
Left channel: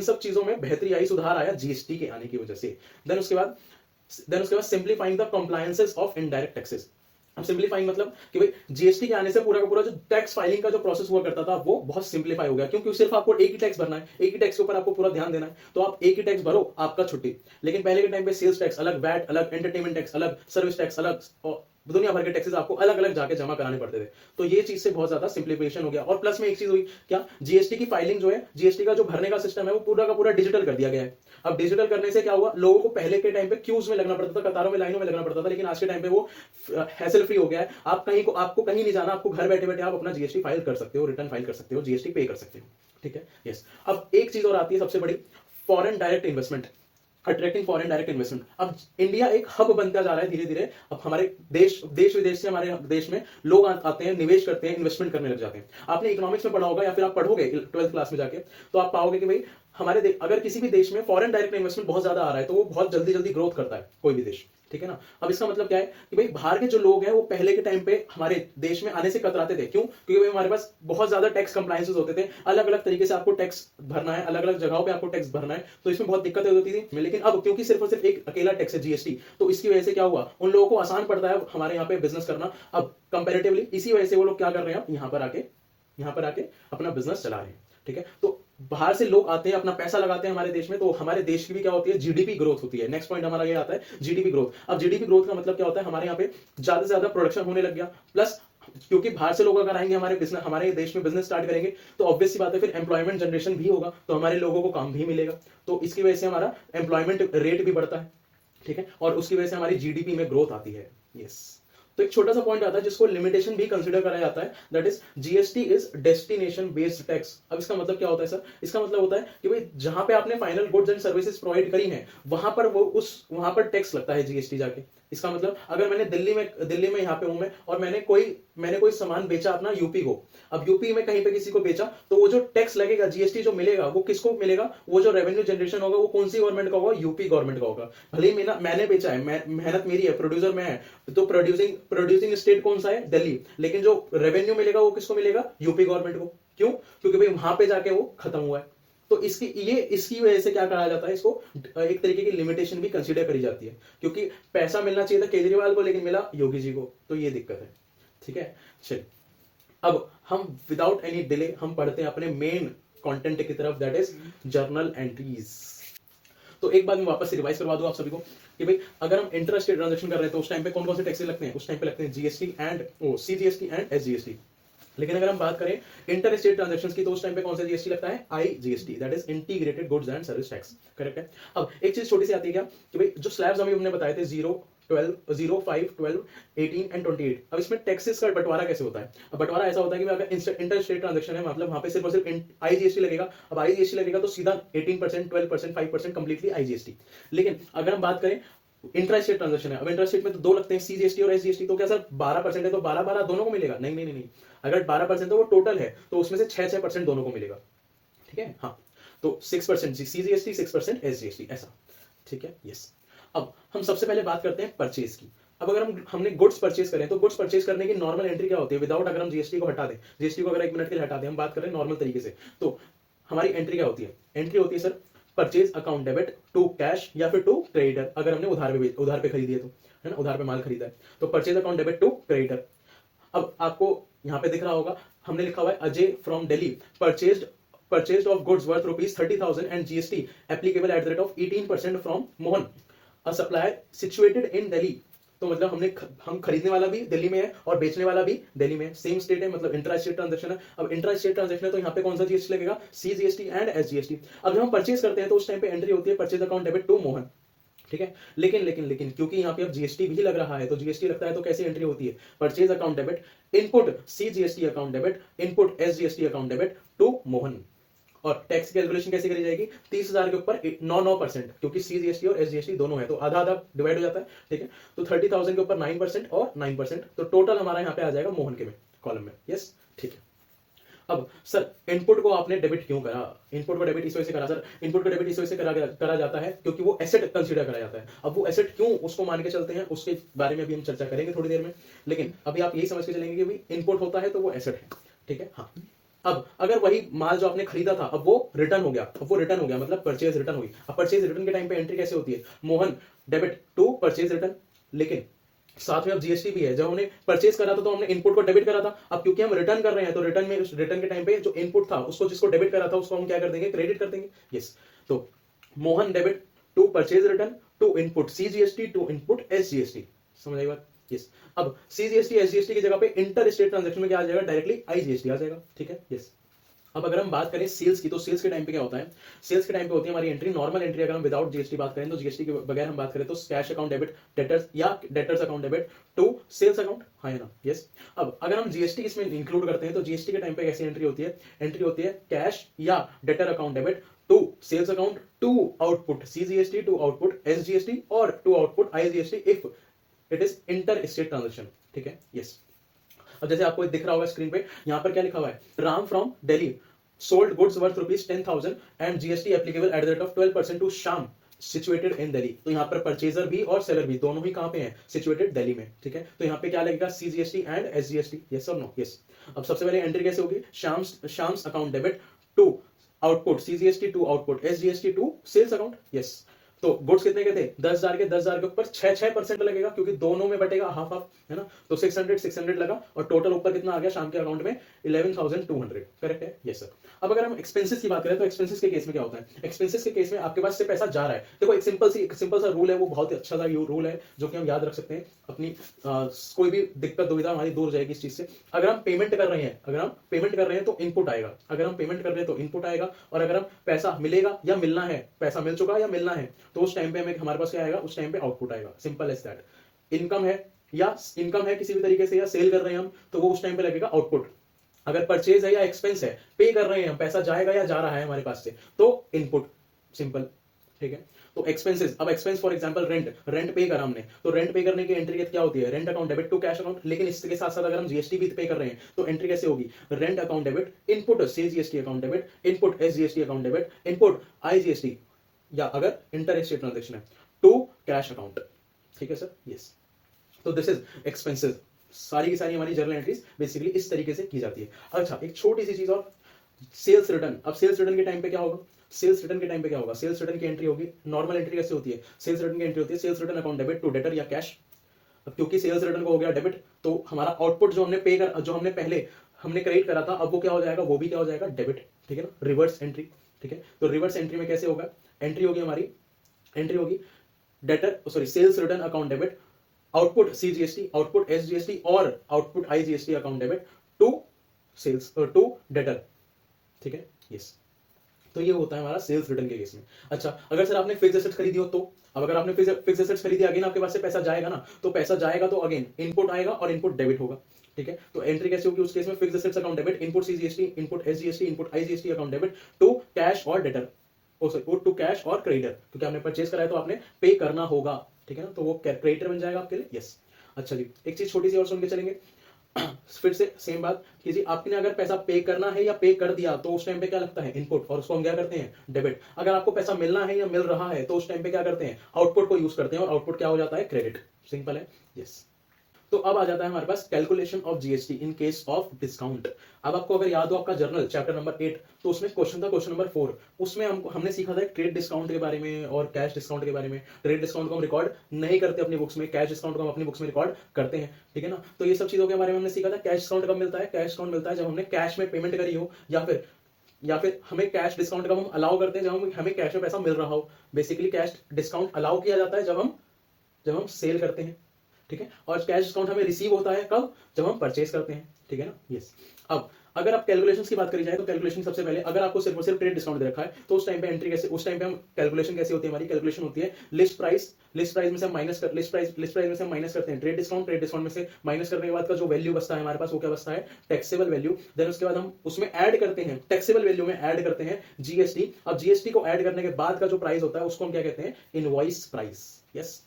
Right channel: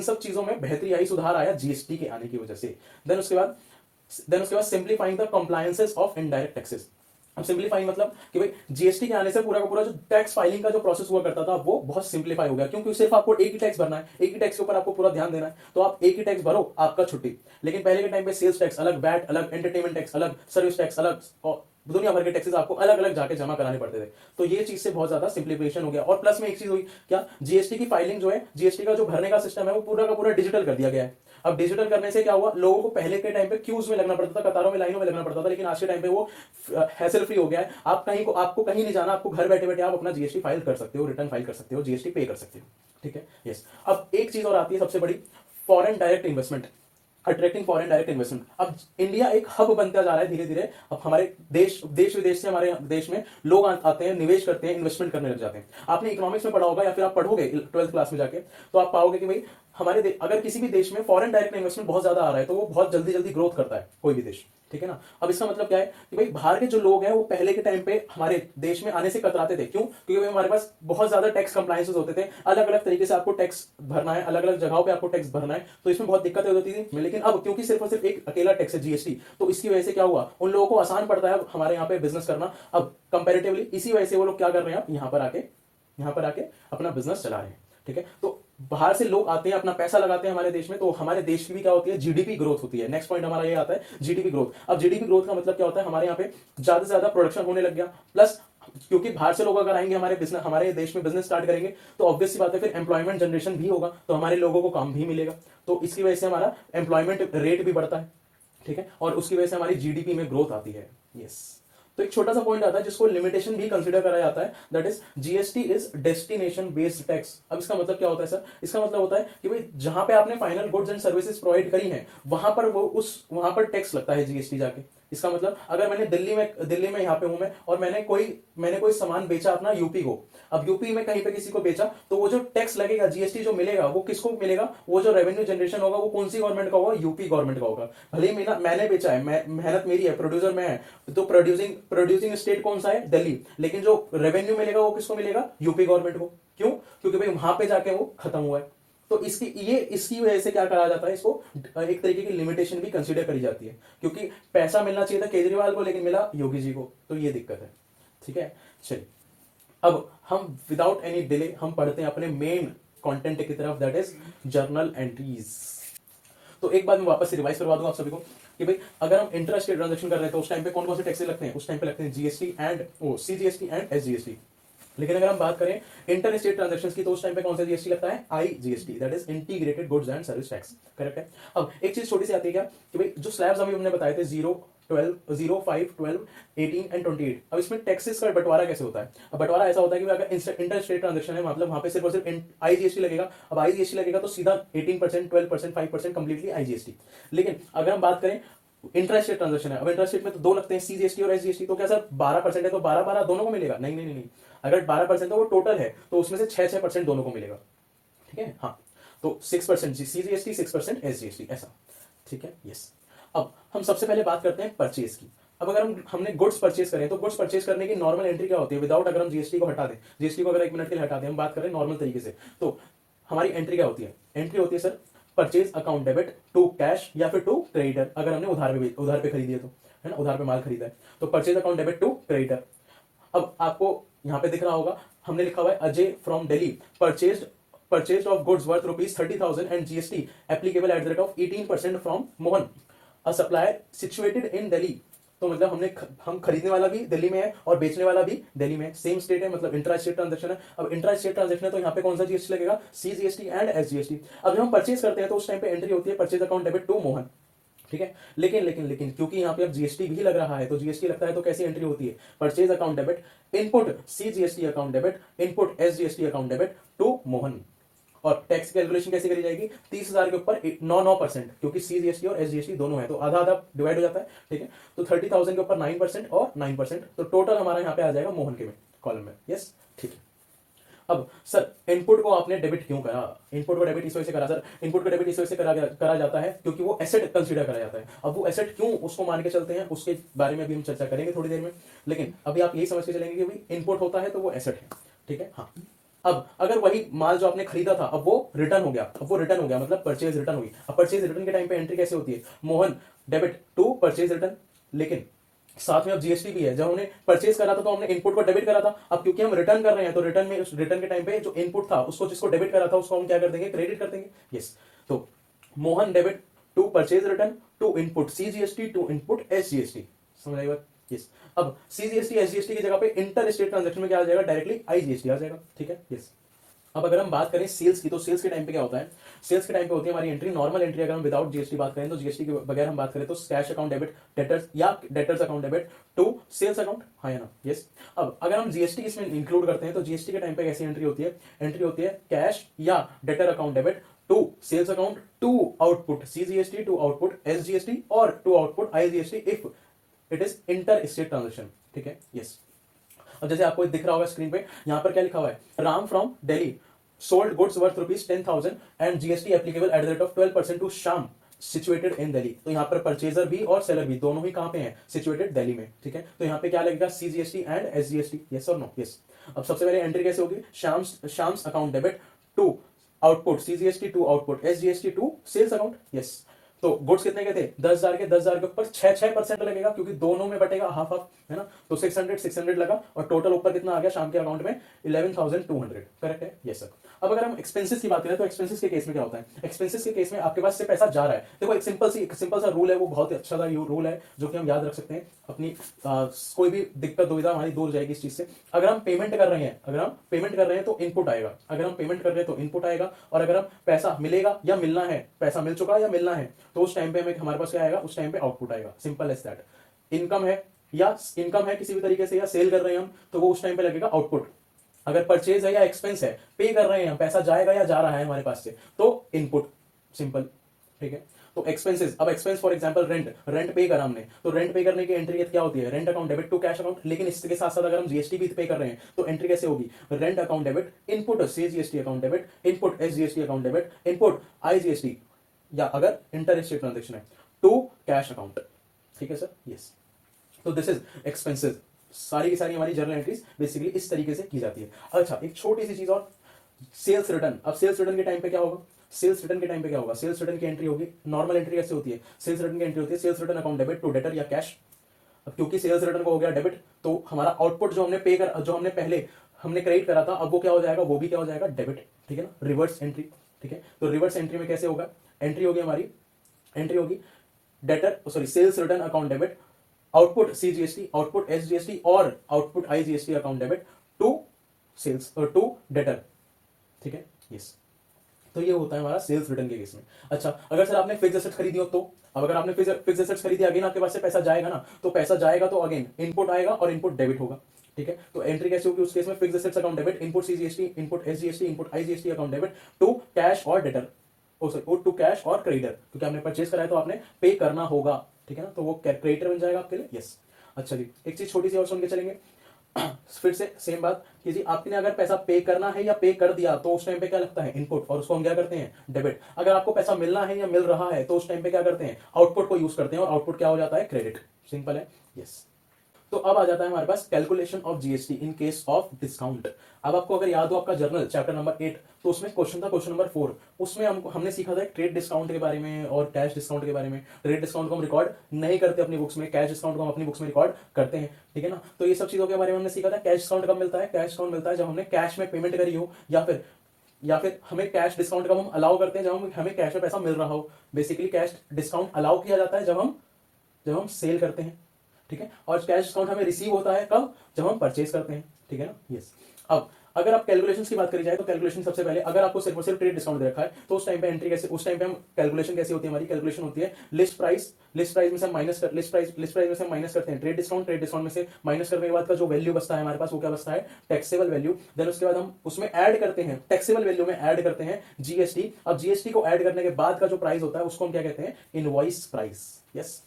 सब चीजों में बेहतरी आई, सुधार आया जीएसटी के आने की वजह से। देन उसके बाद simplifying the compliances of indirect taxes. अब सिंप्लीफाइंग मतलब कि भाई जीएसटी के आने से पूरा का पूरा जो टैक्स फाइलिंग का जो प्रोसेस हुआ करता था वो बहुत सिंप्लीफाई हो गया, क्योंकि सिर्फ आपको एक ही टैक्स भरना है, एक ही टैक्स के ऊपर आपको पूरा ध्यान देना है, तो आप एक ही टैक्स भरो, आपका छुट्टी। लेकिन पहले के टाइम पे सेल्स टैक्स अलग, वैट अलग, एंटरटेनमेंट टैक्स अलग, सर्विस टैक्स अलग, और दुनिया भर के टैक्सेस आपको अलग अलग जाके जमा कराने पड़ते थे। तो ये चीज से बहुत ज्यादा सिंप्लीफिकेशन हो गया। और प्लस में एक चीज हुई क्या, जीएसटी की फाइलिंग जो है, जीएसटी का जो भरने का सिस्टम है वो पूरा का पूरा डिजिटल कर दिया गया है। अब डिजिटल करने से क्या हुआ, लोगों को पहले के टाइम पे क्यूज में लगना पड़ता था, कतारों में, लाइनों में लगना पड़ता था, लेकिन आज के टाइम पे वो हैसल फ्री हो गया है। आपको कहीं नहीं जाना, आपको घर बैठे बैठे आप अपना जीएसटी फाइल कर सकते हो, रिटर्न फाइल कर सकते हो, जीएसटी पे कर सकते हो, ठीक है। यस। अब एक चीज और आती है सबसे बड़ी, foreign direct investment, attracting foreign direct investment. अब इंडिया एक हब बनता जा रहा है धीरे धीरे। अब हमारे देश विदेश से हमारे देश में लोग आते हैं, निवेश करते हैं, इन्वेस्टमेंट करने लग जाते हैं। आपने इकोनॉमिक्स में पढ़ा होगा या फिर आप पढ़ोगे 12th क्लास में जाके, तो आप पाओगे कि भाई अगर किसी भी देश में फॉरेन डायरेक्ट इन्वेस्टमेंट बहुत ज्यादा आ रहा है तो वो बहुत जल्दी जल्दी ग्रोथ करता है, कोई भी देश, ठीक है ना। अब इसका मतलब क्या है कि भाई बाहर के जो लोग हैं वो पहले के टाइम पे हमारे देश में आने से कतराते थे, क्यों, क्योंकि हमारे पास बहुत ज्यादा टैक्स कंप्लायंसेस होते थे, अलग अलग तरीके से आपको टैक्स भरना है, अलग अलग जगहों पे आपको टैक्स भरना है, तो इसमें बहुत दिक्कतें होती थी। लेकिन अब क्योंकि सिर्फ और सिर्फ एक अकेला टैक्स है जीएसटी, तो इसकी वजह से क्या हुआ, उन लोगों को आसान पड़ता है हमारे यहाँ पे बिजनेस करना अब कंपेरेटिवली। इसी वजह से वो लोग क्या कर रहे हैं, यहाँ पर आके अपना बिजनेस चला रहे हैं, ठीक है। तो बाहर से लोग आते हैं, अपना पैसा लगाते हैं हमारे देश में, तो हमारे देश की भी क्या होती है, जीडीपी ग्रोथ होती है। नेक्स्ट पॉइंट हमारा ये आता है जीडीपी ग्रोथ। अब जीडीपी ग्रोथ का मतलब क्या होता है, हमारे यहाँ पे ज्यादा से ज्यादा प्रोडक्शन होने लग गया, प्लस क्योंकि बाहर से लोग अगर आएंगे हमारे देश में बिजनेस स्टार्ट करेंगे, तो ऑब्वियस सी बात है फिर एम्प्लॉयमेंट जनरेशन भी होगा, तो हमारे लोगों को काम भी मिलेगा, तो इसकी वजह से हमारा एम्प्लॉयमेंट रेट भी बढ़ता है, ठीक है, और उसकी वजह से हमारी जीडीपी में ग्रोथ आती है। यस। तो एक छोटा सा पॉइंट आता है जिसको लिमिटेशन भी कंसीडर करा जाता है, that is GST is destination based tax. अब इसका मतलब क्या होता है सर, इसका मतलब होता है कि भाई जहां पे आपने final goods and services provide करी हैं वहां पर टैक्स लगता है जीएसटी जाके। इसका मतलब अगर मैंने दिल्ली में यहाँ पे हूं मैं, और मैंने कोई सामान बेचा अपना यूपी को, अब यूपी में कहीं पे किसी को बेचा, तो वो जो टैक्स लगेगा, जीएसटी जो मिलेगा, वो किसको मिलेगा, वो जो रेवेन्यू जनरेशन होगा वो कौन सी गवर्नमेंट का होगा, यूपी गवर्नमेंट का होगा। भले ही मैंने बेचा है, मेहनत मेरी है, प्रोड्यूसर मैं है, तो प्रोड्यूसिंग स्टेट कौन सा है, दिल्ली, लेकिन जो रेवेन्यू मिलेगा वो किसको मिलेगा, यूपी गवर्नमेंट को। क्यों, क्योंकि भाई वहां पे जाके वो खत्म हुआ है। तो इसकी वजह से क्या कहा जाता है, इसको एक तरीके की लिमिटेशन भी कंसीडर करी जाती है, क्योंकि पैसा मिलना चाहिए था केजरीवाल को, लेकिन मिला योगी जी को, तो ये दिक्कत है, ठीक है। चलिए अब हम विदाउट एनी डिले हम पढ़ते हैं अपने मेन कंटेंट की तरफ, दैट इज जर्नल एंट्रीज। तो एक बार मैं वापस से रिवाइज करवा दूं आप सभी को कि भाई अगर हम इंटर स्टेट ट्रांजेक्शन कर रहे हैं तो उस टाइम पे कौन कौन से टैक्सेस लगते हैं, उस टाइम पे लगते हैं GST and CGST and SGST. लेकिन अगर हम बात करें इंटर स्टेट ट्रांजेक्शंस की तो उस टाइम पे कौन सा जीएसटी लगता है, IGST, that is integrated goods and service tax. Correct है। अब एक चीज छोटी सी आती है क्या कि भाई जो स्लैब्स अभी हमने बताए थे 0, 12, 0, 5, 12, 18 एंड 28, अब इसमें टैक्सेस का बंटवारा कैसे होता है। अब बंटवारा ऐसा होता है कि अगर इंटर स्टेट ट्रांजेक्शन है मतलब वहां पे सिर्फ और सिर्फ आईजीएसटी लगेगा। अब आईजीएसटी लगेगा तो सीधा 18%, 12%, 5% कंप्लीटली आईजीएसटी। लेकिन अगर हम बात करें इंट्रा स्टेट ट्रांजेक्शन है, अब इंट्रा स्टेट में तो दो लगते हैं, सीजीएसटी और एसजीएसटी, तो क्या सर 12% है तो 12-12 दोनों को मिलेगा? नहीं नहीं नहीं, अगर 12% तो वो टोटल है तो उसमें से 6-6% दोनों को मिलेगा। ठीक है, हाँ, तो 6% सीजीएसटी, 6% एसजीएसटी, ऐसा। ठीक है, यस। अब हम सबसे पहले बात करते हैं परचेज की। अब अगर हमने गुड्स परचेज करें तो गुड्स परचेज करने की नॉर्मल एंट्री क्या होती है विदाउट, अगर हम जीएसटी को हटा दें, जीएसटी को अगर 1 मिनट के लिए हटा दें, हम बात करें नॉर्मल तरीके से, तो हमारी एंट्री क्या होती है? एंट्री होती है sir purchase account debit to cash या फिर टू क्रेडिटर, अगर हमने उधार पे खरीदी है तो, है ना, उधार पे माल खरीदा है तो purchase account debit to creditor. अब आपको यहां पे दिख रहा होगा हमने लिखा हुआ है Ajay from Delhi purchase of goods worth ₹30,000 and GST applicable at the rate of 18% from Mohan a supplier situated in Delhi. तो मतलब हम खरीदने वाला भी दिल्ली में है और बेचने वाला भी दिल्ली में है, सेम स्टेट है, मतलब इंट्रा स्टेट ट्रांजेक्शन है। अब इंट्रा स्टेट ट्रांजेक्शन है तो यहाँ पे कौन सा जीएसटी लगेगा? CGST and SGST. अब जब हम परचेज करते हैं तो उस टाइम पे एंट्री होती है purchase account debit to Mohan. ठीक है, लेकिन क्योंकि यहाँ पे अब जीएसटी भी लग रहा है तो जीएसटी लगता है तो कैसी एंट्री होती है? Purchase account debit input CGST account debit input SGST account debit to Mohan. और टैक्स कैलकुलेशन कैसे करी जाएगी? 30,000 के ऊपर 9% क्योंकि सीजीएसटी और एसजीएसटी दोनों है तो आधा आधा डिवाइड हो जाता है। ठीक है, तो 30,000 के ऊपर 9% और 9%, तो टोटल हमारा यहाँ पे आ जाएगा मोहन के में कॉलम में। यस, ठीक है। अब सर इनपुट को आपने डेबिट क्यों करा? इनपुट को डेबिट इस वजह से करा सर, इनपुट को डेबिट इस वजह से करा जाता है क्योंकि वो एसेट कंसीडर करा जाता है। अब वो एसेट क्यों उसको मान के चलते हैं उसके बारे में भी हम चर्चा करेंगे थोड़ी देर में, लेकिन अभी आप यही समझ के चलेंगे कि भाई इनपुट होता है तो वो एसेट है। ठीक है, हाँ। अब अगर वही माल जो आपने खरीदा था अब वो रिटर्न हो गया, मतलब परचेज रिटर्न हुई। अब परचेज रिटर्न के टाइम पे एंट्री कैसे होती है? Mohan debit to purchase return, लेकिन साथ में अब जीएसटी भी है। जब हमने परचेज करा था तो हमने इनपुट को डेबिट करा था, अब क्योंकि हम रिटर्न कर रहे हैं तो रिटर्न के टाइम पे जो इनपुट था उसको जिसको डेबिट करा था उसको हम क्या कर देंगे? क्रेडिट कर देंगे। यस, तो Mohan debit to purchase return to input CGST to input SGST. समझ आई बात? यस। अब सीजीएसटी एसजीएसटी की जगह पे इंटर स्टेट ट्रांजैक्शन में क्या आ जाएगा? डायरेक्टली आईजीएसटी आ जाएगा। ठीक है, यस। अब अगर हम बात करें सेल्स की तो सेल्स के टाइम पे क्या होता है? सेल्स के टाइम पे होती है हमारी एंट्री नॉर्मल एंट्री। अगर हम विदाउट जीएसटी बात करें तो जीएसटी के बगैर हम बात करें तो कैश अकाउंट डेबिट डेटर्स या debtors account debit to sales account, हाँ या ना? यस। अब अगर हम जीएसटी इसमें इंक्लूड करते हैं तो जीएसटी के टाइम पे कैसी एंट्री होती है? एंट्री होती है कैश या debtor account debit to sales account to output CGST to output SGST और to output IGST if it is inter state transaction. ठीक है, यस। अब जैसे आपको दिख रहा होगा स्क्रीन पे यहाँ पर क्या लिखा हुआ है? Ram from Delhi sold goods worth ₹10,000 and GST applicable at the rate of 12% to Shyam situated in Delhi. तो यहाँ पर परचेजर भी और सेलर भी दोनों ही कहां पे हैं? सिचुएटेड दिल्ली में। ठीक है, तो यहाँ पे क्या लगेगा? CGST and SGST. यस और नो? यस। अब सबसे पहले एंट्री कैसे होगी? Shyam's account debit to output CGST to output SGST to sales account. Yes. तो गुड्स कितने के थे? 10,000 के ऊपर 6% लगेगा क्योंकि दोनों में बटेगा हाफ हाफ, है ना? तो 600 लगा और टोटल ऊपर कितना आ गया शाम के अकाउंट में? 11,200। करेक्ट है? Yes sir. अब अगर हम एक्सपेंसेस की बात करें तो एक्सपेंसेस के केस में क्या होता है? एक्सपेंसेस के केस में आपके पास से पैसा जा रहा है। देखो एक सिंपल सा रूल है, वो बहुत अच्छा सा रूल है जो कि हम याद रख सकते हैं। अपनी कोई भी दिक्कत दुविधा हमारी दूर हो जाएगी इस चीज से। अगर हम पेमेंट कर रहे हैं तो इनपुट आएगा, अगर हम पेमेंट कर रहे हैं तो इनपुट आएगा, और अगर हम पैसा मिलेगा या मिलना है, पैसा मिल चुका या मिलना है तो उस टाइम पे हमारे पास क्या आएगा? उस टाइम पे आउटपुट आएगा। Simple as that. इनकम है किसी भी तरीके से या सेल कर रहे हैं हम तो वो उस टाइम पे लगेगा आउटपुट। अगर परचेज है या एक्सपेंस है, पे कर रहे हैं हम, पैसा जाएगा या जा रहा है हमारे पास से, तो इनपुट। सिंपल। ठीक है, तो एक्सपेंसेस, अब एक्सपेंस फॉर एग्जांपल रेंट पे करा हमने तो रेंट पे करने की एंट्री क्या होती है? Rent account debit to cash account. लेकिन इसके साथ साथ अगर हम जीएसटी भी पे कर रहे हैं तो एंट्री कैसे होगी? Rent account debit input CGST account debit input SGST account debit input IGST, या अगर इंटर स्टेट ट्रांजेक्शन है टू कैश अकाउंट। ठीक है सर? यस। तो दिस इज एक्सपेंसेस। सारी की सारी हमारी जर्नल एंट्रीज बेसिकली इस तरीके से की जाती है। अच्छा, एक छोटी सी चीज और, सेल्स रिटर्न। अब सेल्स रिटर्न के टाइम पे क्या होगा? सेल्स रिटर्न की एंट्री होगी, नॉर्मल एंट्री कैसे होती है? सेल्स रिटर्न की एंट्री होती है sales return account debit to debtor या कैश। अब क्योंकि सेल्स रिटर्न को हो गया डेबिट तो हमारा आउटपुट जो हमने पहले क्रेडिट करा था अब वो क्या हो जाएगा? वो भी क्या हो जाएगा? डेबिट। ठीक है ना? Reverse entry. ठीक है, तो रिवर्स एंट्री में कैसे होगा? एंट्री होगी हमारी एंट्री होगी debtor sorry sales return account debit, output CGST, output SGST और output IGST account debit to sales to debtor. ठीक है, यस। तो ये होता है हमारा सेल्स रिटर्न के केस में। अच्छा, अगर सर आपने फिक्स एसेट्स खरीदी हो तो, अब अगर आपने फिक्स एसेट्स खरीदी, अगेन आपके पास से पैसा जाएगा ना, तो पैसा जाएगा तो अगेन इनपुट आएगा और इनपुट डेबिट होगा। ठीक है, तो एंट्री कैसे होगी उस केस में? Fix assets account debit, input CGST, input SGST, input IGST account debit to cash और डेटर, टू कैश और क्रेडिटर, क्योंकि आपने परचेज करा है तो आपने पे करना होगा। ठीक है ना, तो वो क्रेडिटर बन जाएगा आपके लिए। यस। अच्छा जी, एक चीज छोटी सी और सुन के चलेंगे। फिर से सेम बात कि जी आपने अगर पैसा पे करना है या पे कर दिया तो उस टाइम पे क्या लगता है? इनपुट, और उसको हम क्या करते हैं? डेबिट। अगर आपको पैसा मिलना है या मिल रहा है तो उस टाइम पे क्या करते हैं? आउटपुट को यूज करते हैं, और आउटपुट क्या हो जाता है? क्रेडिट। सिंपल है। यस। तो अब आ जाता है हमारे पास calculation of GST in case of discount. अब आपको अगर याद हो आपका जर्नल चैप्टर नंबर 8, तो उसमें क्वेश्चन था क्वेश्चन नंबर 4। उसमें हमने सीखा था ट्रेड डिस्काउंट के बारे में और कैश डिस्काउंट के बारे में। ट्रेड डिस्काउंट को हम रिकॉर्ड नहीं करते अपनी बुक्स में, कैश डिस्काउंट को हम अपनी बुक्स में रिकॉर्ड करते हैं। ठीक है ना, तो ये सब चीजों के बारे में हमने सीखा था। कैश डिस्काउंट कब मिलता है? कैश डिस्काउंट मिलता है जब हमने कैश में पेमेंट करी हो, या फिर हमें कैश डिस्काउंट कब हम अलाउ करते हैं? जब हमें कैश में पैसा मिल रहा हो। बेसिकली कैश डिस्काउंट अलाउ किया जाता है जब हम सेल करते हैं। ठीक है, और कैश डिस्काउंट हमें रिसीव होता है कब? जब हम परचेज करते हैं। ठीक है ना, यस। अब अगर आप कैलकुलेशंस की बात करी जाए तो कैलकुलेशन सबसे पहले, अगर आपको सिर्फ और सिर्फ ट्रेड डिस्काउंट दे रखा है तो उस टाइम पे एंट्री कैसे, उस टाइम पे हम कैलकुलेशन कैसी होती है? हमारी कैलकुलेशन होती है लिस्ट प्राइस में से माइनस कर लिस्ट प्राइस में से माइनस करते हैं ट्रेड डिस्काउंट में से माइनस करने के बाद का जो वैल्यू बचता है हमारे पास, वो क्या बचता है? Taxable value. देन उसके बाद हम उसमें ऐड करते हैं, टैक्सेबल वैल्यू में ऐड करते हैं जीएसटी। अब जीएसटी को ऐड करने के बाद का जो प्राइस होता है उसको हम क्या कहते हैं? Invoice price. यस,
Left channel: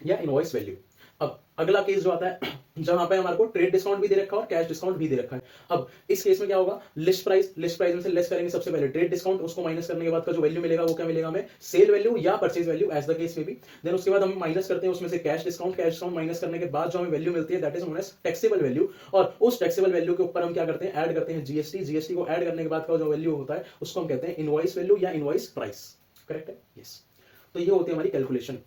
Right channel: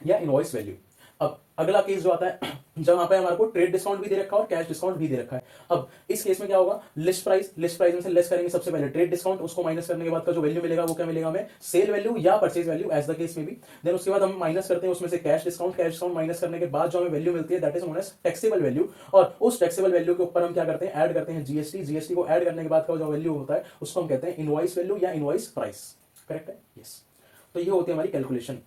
या इनवॉइस वैल्यू। अब अगला केस जो आता है जहां पे हमारे को ट्रेड डिस्काउंट भी दे रखा है और कैश डिस्काउंट भी दे रखा है। अब इस केस में क्या होगा? लिस्ट प्राइस में से लेस करेंगे सबसे पहले ट्रेड डिस्काउंट, उसको माइनस करने के बाद का जो वैल्यू मिलेगा वो क्या मिलेगा हमें? सेल वैल्यू या purchase value, as the case में भी। देन उसके बाद हम माइनस करते हैं उसमें से कैश डिस्काउंट माइनस करने के बाद जो हमें वैल्यू मिलती है that is known as taxable value. और उस टैक्सेबल वैल्यू के ऊपर हम क्या करते हैं? ऐड करते हैं जीएसटी को ऐड करने के बाद का जो वैल्यू होता है उसको हम कहते हैं इनवॉइस वैल्यू या इनवॉइस प्राइस। करेक्ट है? यस। तो ये होती है हमारी कैलकुलेशन।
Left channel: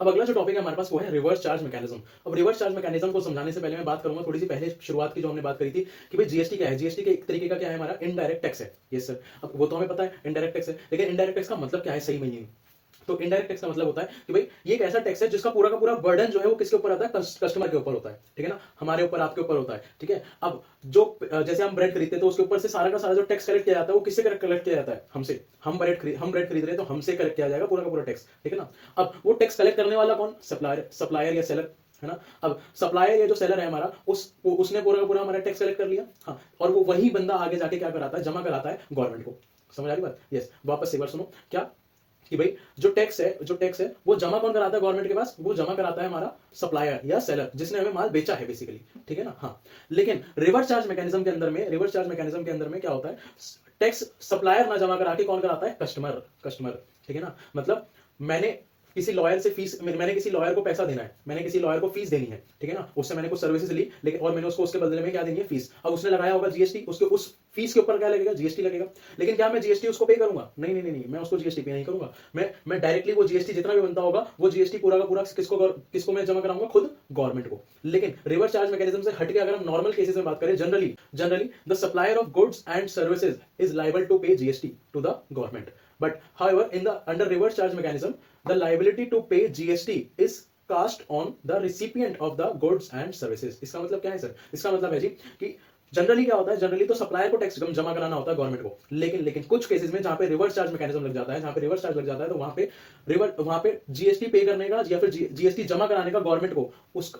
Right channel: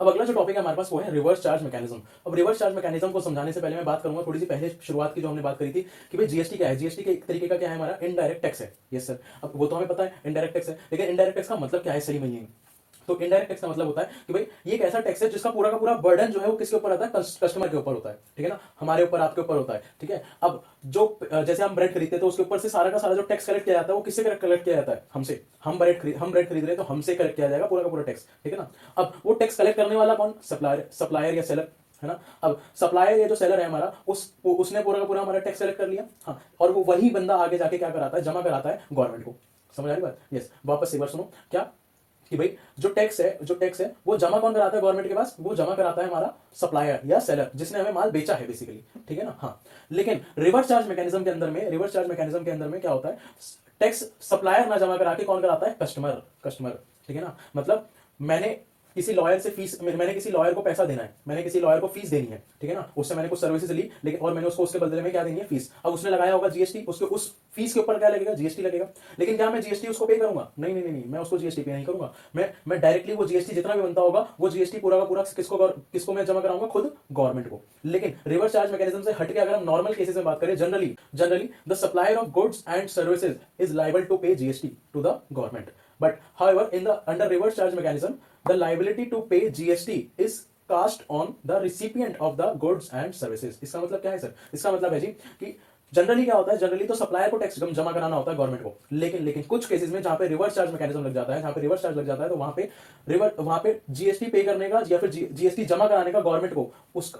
अब अगला जो टॉपिक है हमारे पास वो है रिवर्स चार्ज मैकेनिज्म। अब रिवर्स चार्ज मैकेनिज्म को समझाने से पहले मैं बात करूंगा थोड़ी सी पहले शुरुआत की जो हमने बात करी थी कि भाई जीएसटी क्या है। जीएसटी के एक तरीके का क्या है? हमारा इनडायरेक्ट टैक्स है। यस सर, अब वो तो हमें पता है इनडायरेक्ट टैक्स है, लेकिन इनडायरेक्ट टैक्स का मतलब क्या है सही में? ये तो इनडायरेक्ट टैक्स का मतलब होता है कि भाई ये एक ऐसा टैक्स है जिसका पूरा का पूरा बर्डन जो है वो किसके ऊपर आता है? कस्टमर के ऊपर होता है। ठीक है ना, हमारे ऊपर, आपके ऊपर होता है। ठीक है, अब जो जैसे हम ब्रेड खरीदते हैं तो उसके ऊपर से सारा का सारा जो टैक्स कलेक्ट किया जाता है वो किससे कलेक्ट किया जाता है? हमसे। हम ब्रेड खरीद रहे हैं तो हमसे कलेक्ट किया जाएगा पूरा का पूरा टैक्स। ठीक है ना, अब वो टैक्स कलेक्ट करने वाला कौन? सप्लायर या सेलर, है ना। अब सप्लायर या जो सेलर है हमारा, उसने पूरा का पूरा हमारा टैक्स कलेक्ट कर लिया। हाँ, और वो वही बंदा आगे जाके क्या कराता है? जमा कराता है गवर्नमेंट को। समझ आ रही बात? यस। वापस एक बार सुनो क्या कि भाई जो टैक्स है वो जमा कौन कराता है गवर्नमेंट के पास? वो जमा कराता है हमारा सप्लायर या सेलर, जिसने हमें माल बेचा है बेसिकली। ठीक है ना। हाँ, लेकिन रिवर्स चार्ज मैकेनिज्म के अंदर में क्या होता है? टैक्स सप्लायर ना जमा करा के कौन कराता है? कस्टमर। ठीक है ना, मतलब मैंने किसी लॉयर को पैसा देना है, मैंने किसी लॉयर को फीस देनी है। ठीक है ना, उससे मैंने कुछ सर्विसेज ली, लेकिन और मैंने उसको उसके बदले में क्या देनी है? फीस। अब उसने लगाया होगा जीएसटी, उसके उस फीस के ऊपर क्या लगेगा? जीएसटी लगेगा। लेकिन क्या मैं जीएसटी उसको पे करूंगा? नहीं, मैं उसको जीएसटी पे नहीं करूंगा। मैं डायरेक्टली वो जीएसटी जितना भी बनता होगा वो जीएसटी पूरा का पूरा किसको मैं जमा कराऊंगा? खुद गवर्नमेंट को। लेकिन रिवर्स चार्ज मैकेनिज्म से हटके अगर हम नॉर्मल केसेस में बात करें, generally the supplier of goods and services is liable to pay GST to the government. But however, under reverse charge mechanism, the liability to pay GST is cast on the recipient of the goods and services। इसका मतलब क्या है sir? इसका मतलब है जी कि generally क्या होता है? जनरली तो सप्लायर को टैक्स जमा कराना होता है गवर्नमेंट को, लेकिन कुछ केसेस में जहां पे रिवर्स चार्ज मैकेनिज्म लग जाता है, तो वहां पे जीएसटी पे करने का या फिर जीएसटी जमा कराने का गवर्नमेंट को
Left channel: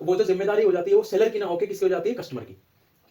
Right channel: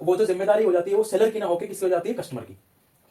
वो जो जिम्मेदारी हो जाती है वो सेलर की ना होकर किसकी हो जाती है? कस्टमर की।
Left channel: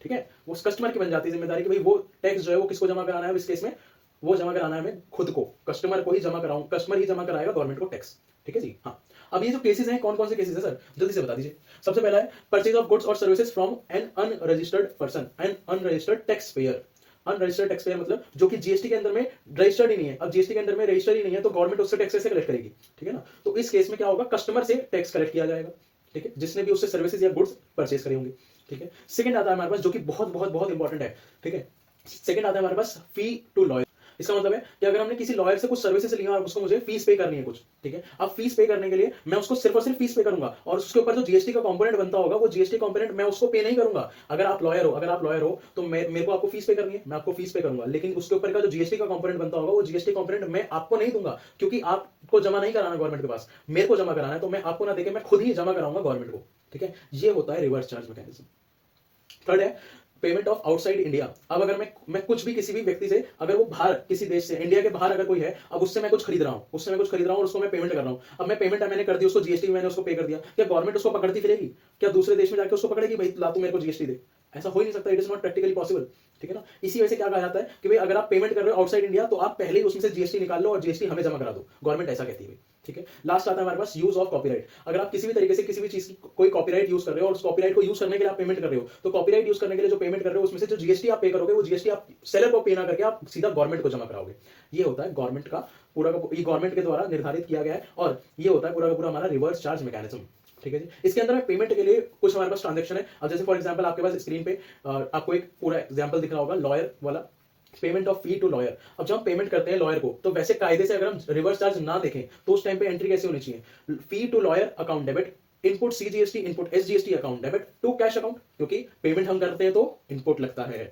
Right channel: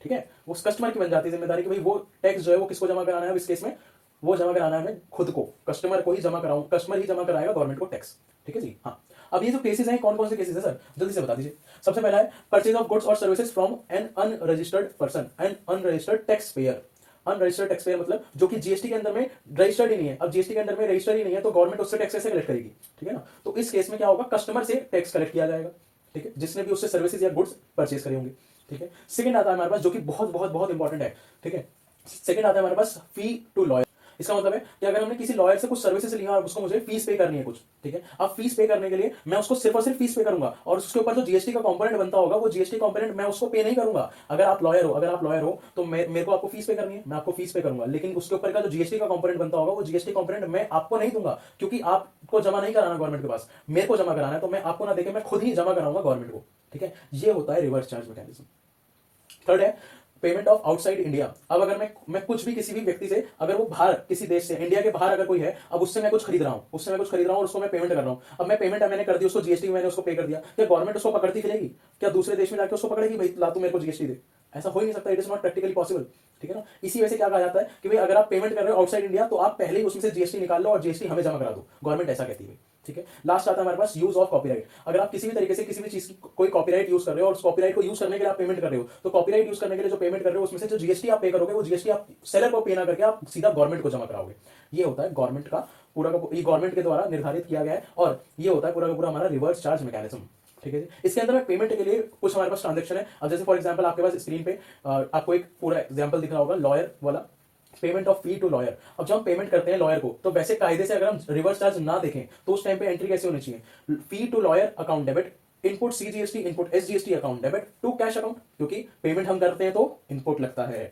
ठीक है, वो कस्टमर की बन जाती है जिम्मेदारी कि भाई वो टैक्स जो है वो किसको जमा कराना है? इस केस में वो जमा कराना है हमें खुद को, कस्टमर को ही जमा कराऊं, कस्टमर ही जमा कराएगा गवर्नमेंट को टैक्स। ठीक है जी। हाँ, अब ये जो केसेस हैं कौन कौन से केसेस हैं सर? जल्दी से बता दीजिए। सबसे पहला है परचेज ऑफ गुड्स और services from N unregistered person, N unregistered tax payer. Unregistered tax payer मतलब जो कि जीएसटी के अंदर में रजिस्टर्ड ही नहीं है। अब जीएसटी के अंदर में रजिस्टर्ड ही नहीं है तो गवर्नमेंट उससे टैक्स कैसे कलेक्ट करेगी? ठीक है ना, तो इस केस में क्या होगा? कस्टमर से टैक्स कलेक्ट किया जाएगा। ठीक है, जिसने भी उससे सर्विसेज या गुड्स परचेज करे होंगे। ठीक है, सेकंड आता है हमारे पास जो कि बहुत बहुत बहुत इंपॉर्टेंट है। ठीक है, सेकंड आता है हमारे पास फी टू लॉयर। इसका मतलब है कि अगर हमने किसी लॉयर से कुछ सर्विसेज लिया और उसको मुझे फीस पे करनी है कुछ, ठीक है, अब फीस पे करने के लिए मैं उसको सिर्फ और सिर्फ फीस पे करूंगा और उसके ऊपर जो जीएसटी का कंपोनेंट बनता होगा वो जीएसटी कंपोनेंट मैं उसको पे नहीं करूंगा। अगर आप लॉयर हो तो मेरे को आपको फीस पे करनी है, मैं आपको फीस पे करूंगा, लेकिन उसके ऊपर का जो जीएसटी का कंपोनेंट बनता होगा वो जीएसटी कंपोनेंट मैं आपको नहीं दूंगा, क्योंकि आपको जमा नहीं कराना गवर्नमेंट के पास, मेरे को जमा कराना है, तो मैं आपको ना देके मैं खुद ही जमा कराऊंगा गवर्नमेंट को। ठीक है, ये होता है रिवर्स चार्ज मैकेनिज्म। थर्ड है पेमेंट ऑफ आउटसाइड इंडिया। अब अगर मैं कुछ भी किसी भी व्यक्ति से, अगर वो बाहर किसी देश से, इंडिया के बाहर अगर कोई है, अब उससे मैं कुछ खरीद रहा हूं और उसको मैं पेमेंट कर रहा हूं, अब मैं पेमेंट मैंने कर दी उसको, जीएसटी मैंने उसको पे कर दिया, क्या गवर्नमेंट उसको पकड़ती फिरेगी? क्या दूसरे देश में जाकर उसको पकड़ेगी, भाई ला तू मेरे को जीएसटी दे? ऐसा हो ही नहीं सकता, it is not practically possible. ठीक है ना, इसी वजह से क्या कहा जाता है कि भाई अगर आप पेमेंट कर रहे हो आउटसाइड इंडिया तो आप पहले ही उसमें से जीएसटी निकाल लो और जीएसटी हमें जमा करा दो, गवर्नमेंट ऐसा कहती है। ठीक है, लास्ट आता है हमारे पास यूज ऑफ कॉपीराइट। अगर आप किसी भी तरीके से किसी भी चीज की कोई कॉपीराइट यूज कर रहे हो और उस कॉपीराइट को यूज करने के लिए आप पेमेंट कर रहे हो, तो कॉपीराइट यूज करने के लिए जो पेमेंट कर रहे हो उसमें से जो जीएसटी आप पे करोगे वो जीएसटी आप सेलर को पे ना करके आप सीधा गवर्नमेंट को जमा कराओगे। ये होता है गवर्नमेंट का पूरा का, ये गवर्नमेंट के द्वारा निर्धारित किया गया है और ये होता है पूरा का पूरा हमारा रिवर्स चार्ज मैकेनिज्म। ठीक है जी, इसके अंदर में पेमेंट के लिए कुछ हमारे पास ट्रांजेक्शन है। अब जैसे फॉर एग्जांपल आपके पास स्क्रीन पे आपको एक पूरा एग्जांपल दिख रहा होगा लॉयर वाला, payment of fee to lawyer. अब जब हम पेमेंट करते हैं लॉयर को तो वैसे कायदे से अगर हम रिवर्स चार्ज ना देखें तो उस टाइम पे एंट्री कैसे होनी चाहिए? Fee to lawyer account debit, input CGST, input SGST account debit to cash account, क्योंकि पेमेंट हम करते हैं तो इनपुट लगता है।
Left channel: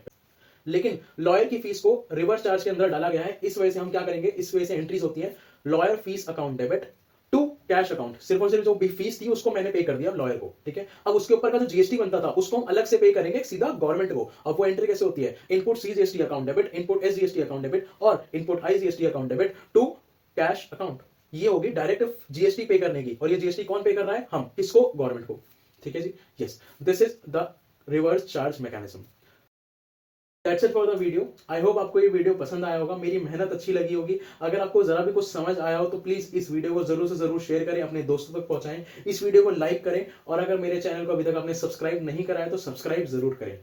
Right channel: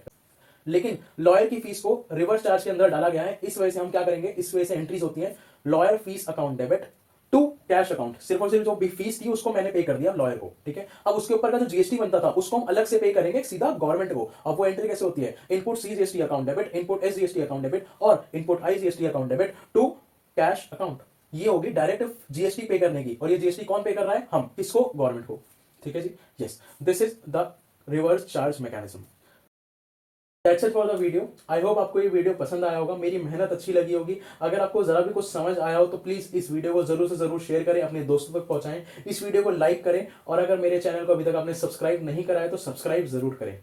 लेकिन लॉयर की फीस को रिवर्स चार्ज के अंदर डाला गया है, इस वजह से हम क्या करेंगे, इस वजह से एंट्रीज होती है lawyer fees account debit to cash account. सिर्फ और सिर्फ जो भी फीस थी उसको मैंने पे कर दिया लॉयर को। ठीक है, अब उसके ऊपर का जो जीएसटी बनता था उसको हम अलग से पे करेंगे सीधा गवर्नमेंट को। अब वो एंट्री कैसे होती है? Input CGST account debit, input SGST account debit और input IGST account debit to cash account. ये होगी डायरेक्ट जीएसटी पे करने की, और ये जीएसटी कौन पे कर रहा है? हम। किसको? गवर्नमेंट को। ठीक है जी, yes, this is the reverse charge mechanism. That's it for the video. I hope आपको ये वीडियो पसंद आया होगा, मेरी मेहनत अच्छी लगी होगी। अगर आपको जरा भी कुछ समझ आया हो तो प्लीज इस वीडियो को जरूर से जरूर शेयर करें, अपने दोस्तों तक पहुंचाएं, इस वीडियो को लाइक करें और अगर मेरे चैनल को अभी तक आपने सब्सक्राइब नहीं करा है तो सब्सक्राइब जरूर करें।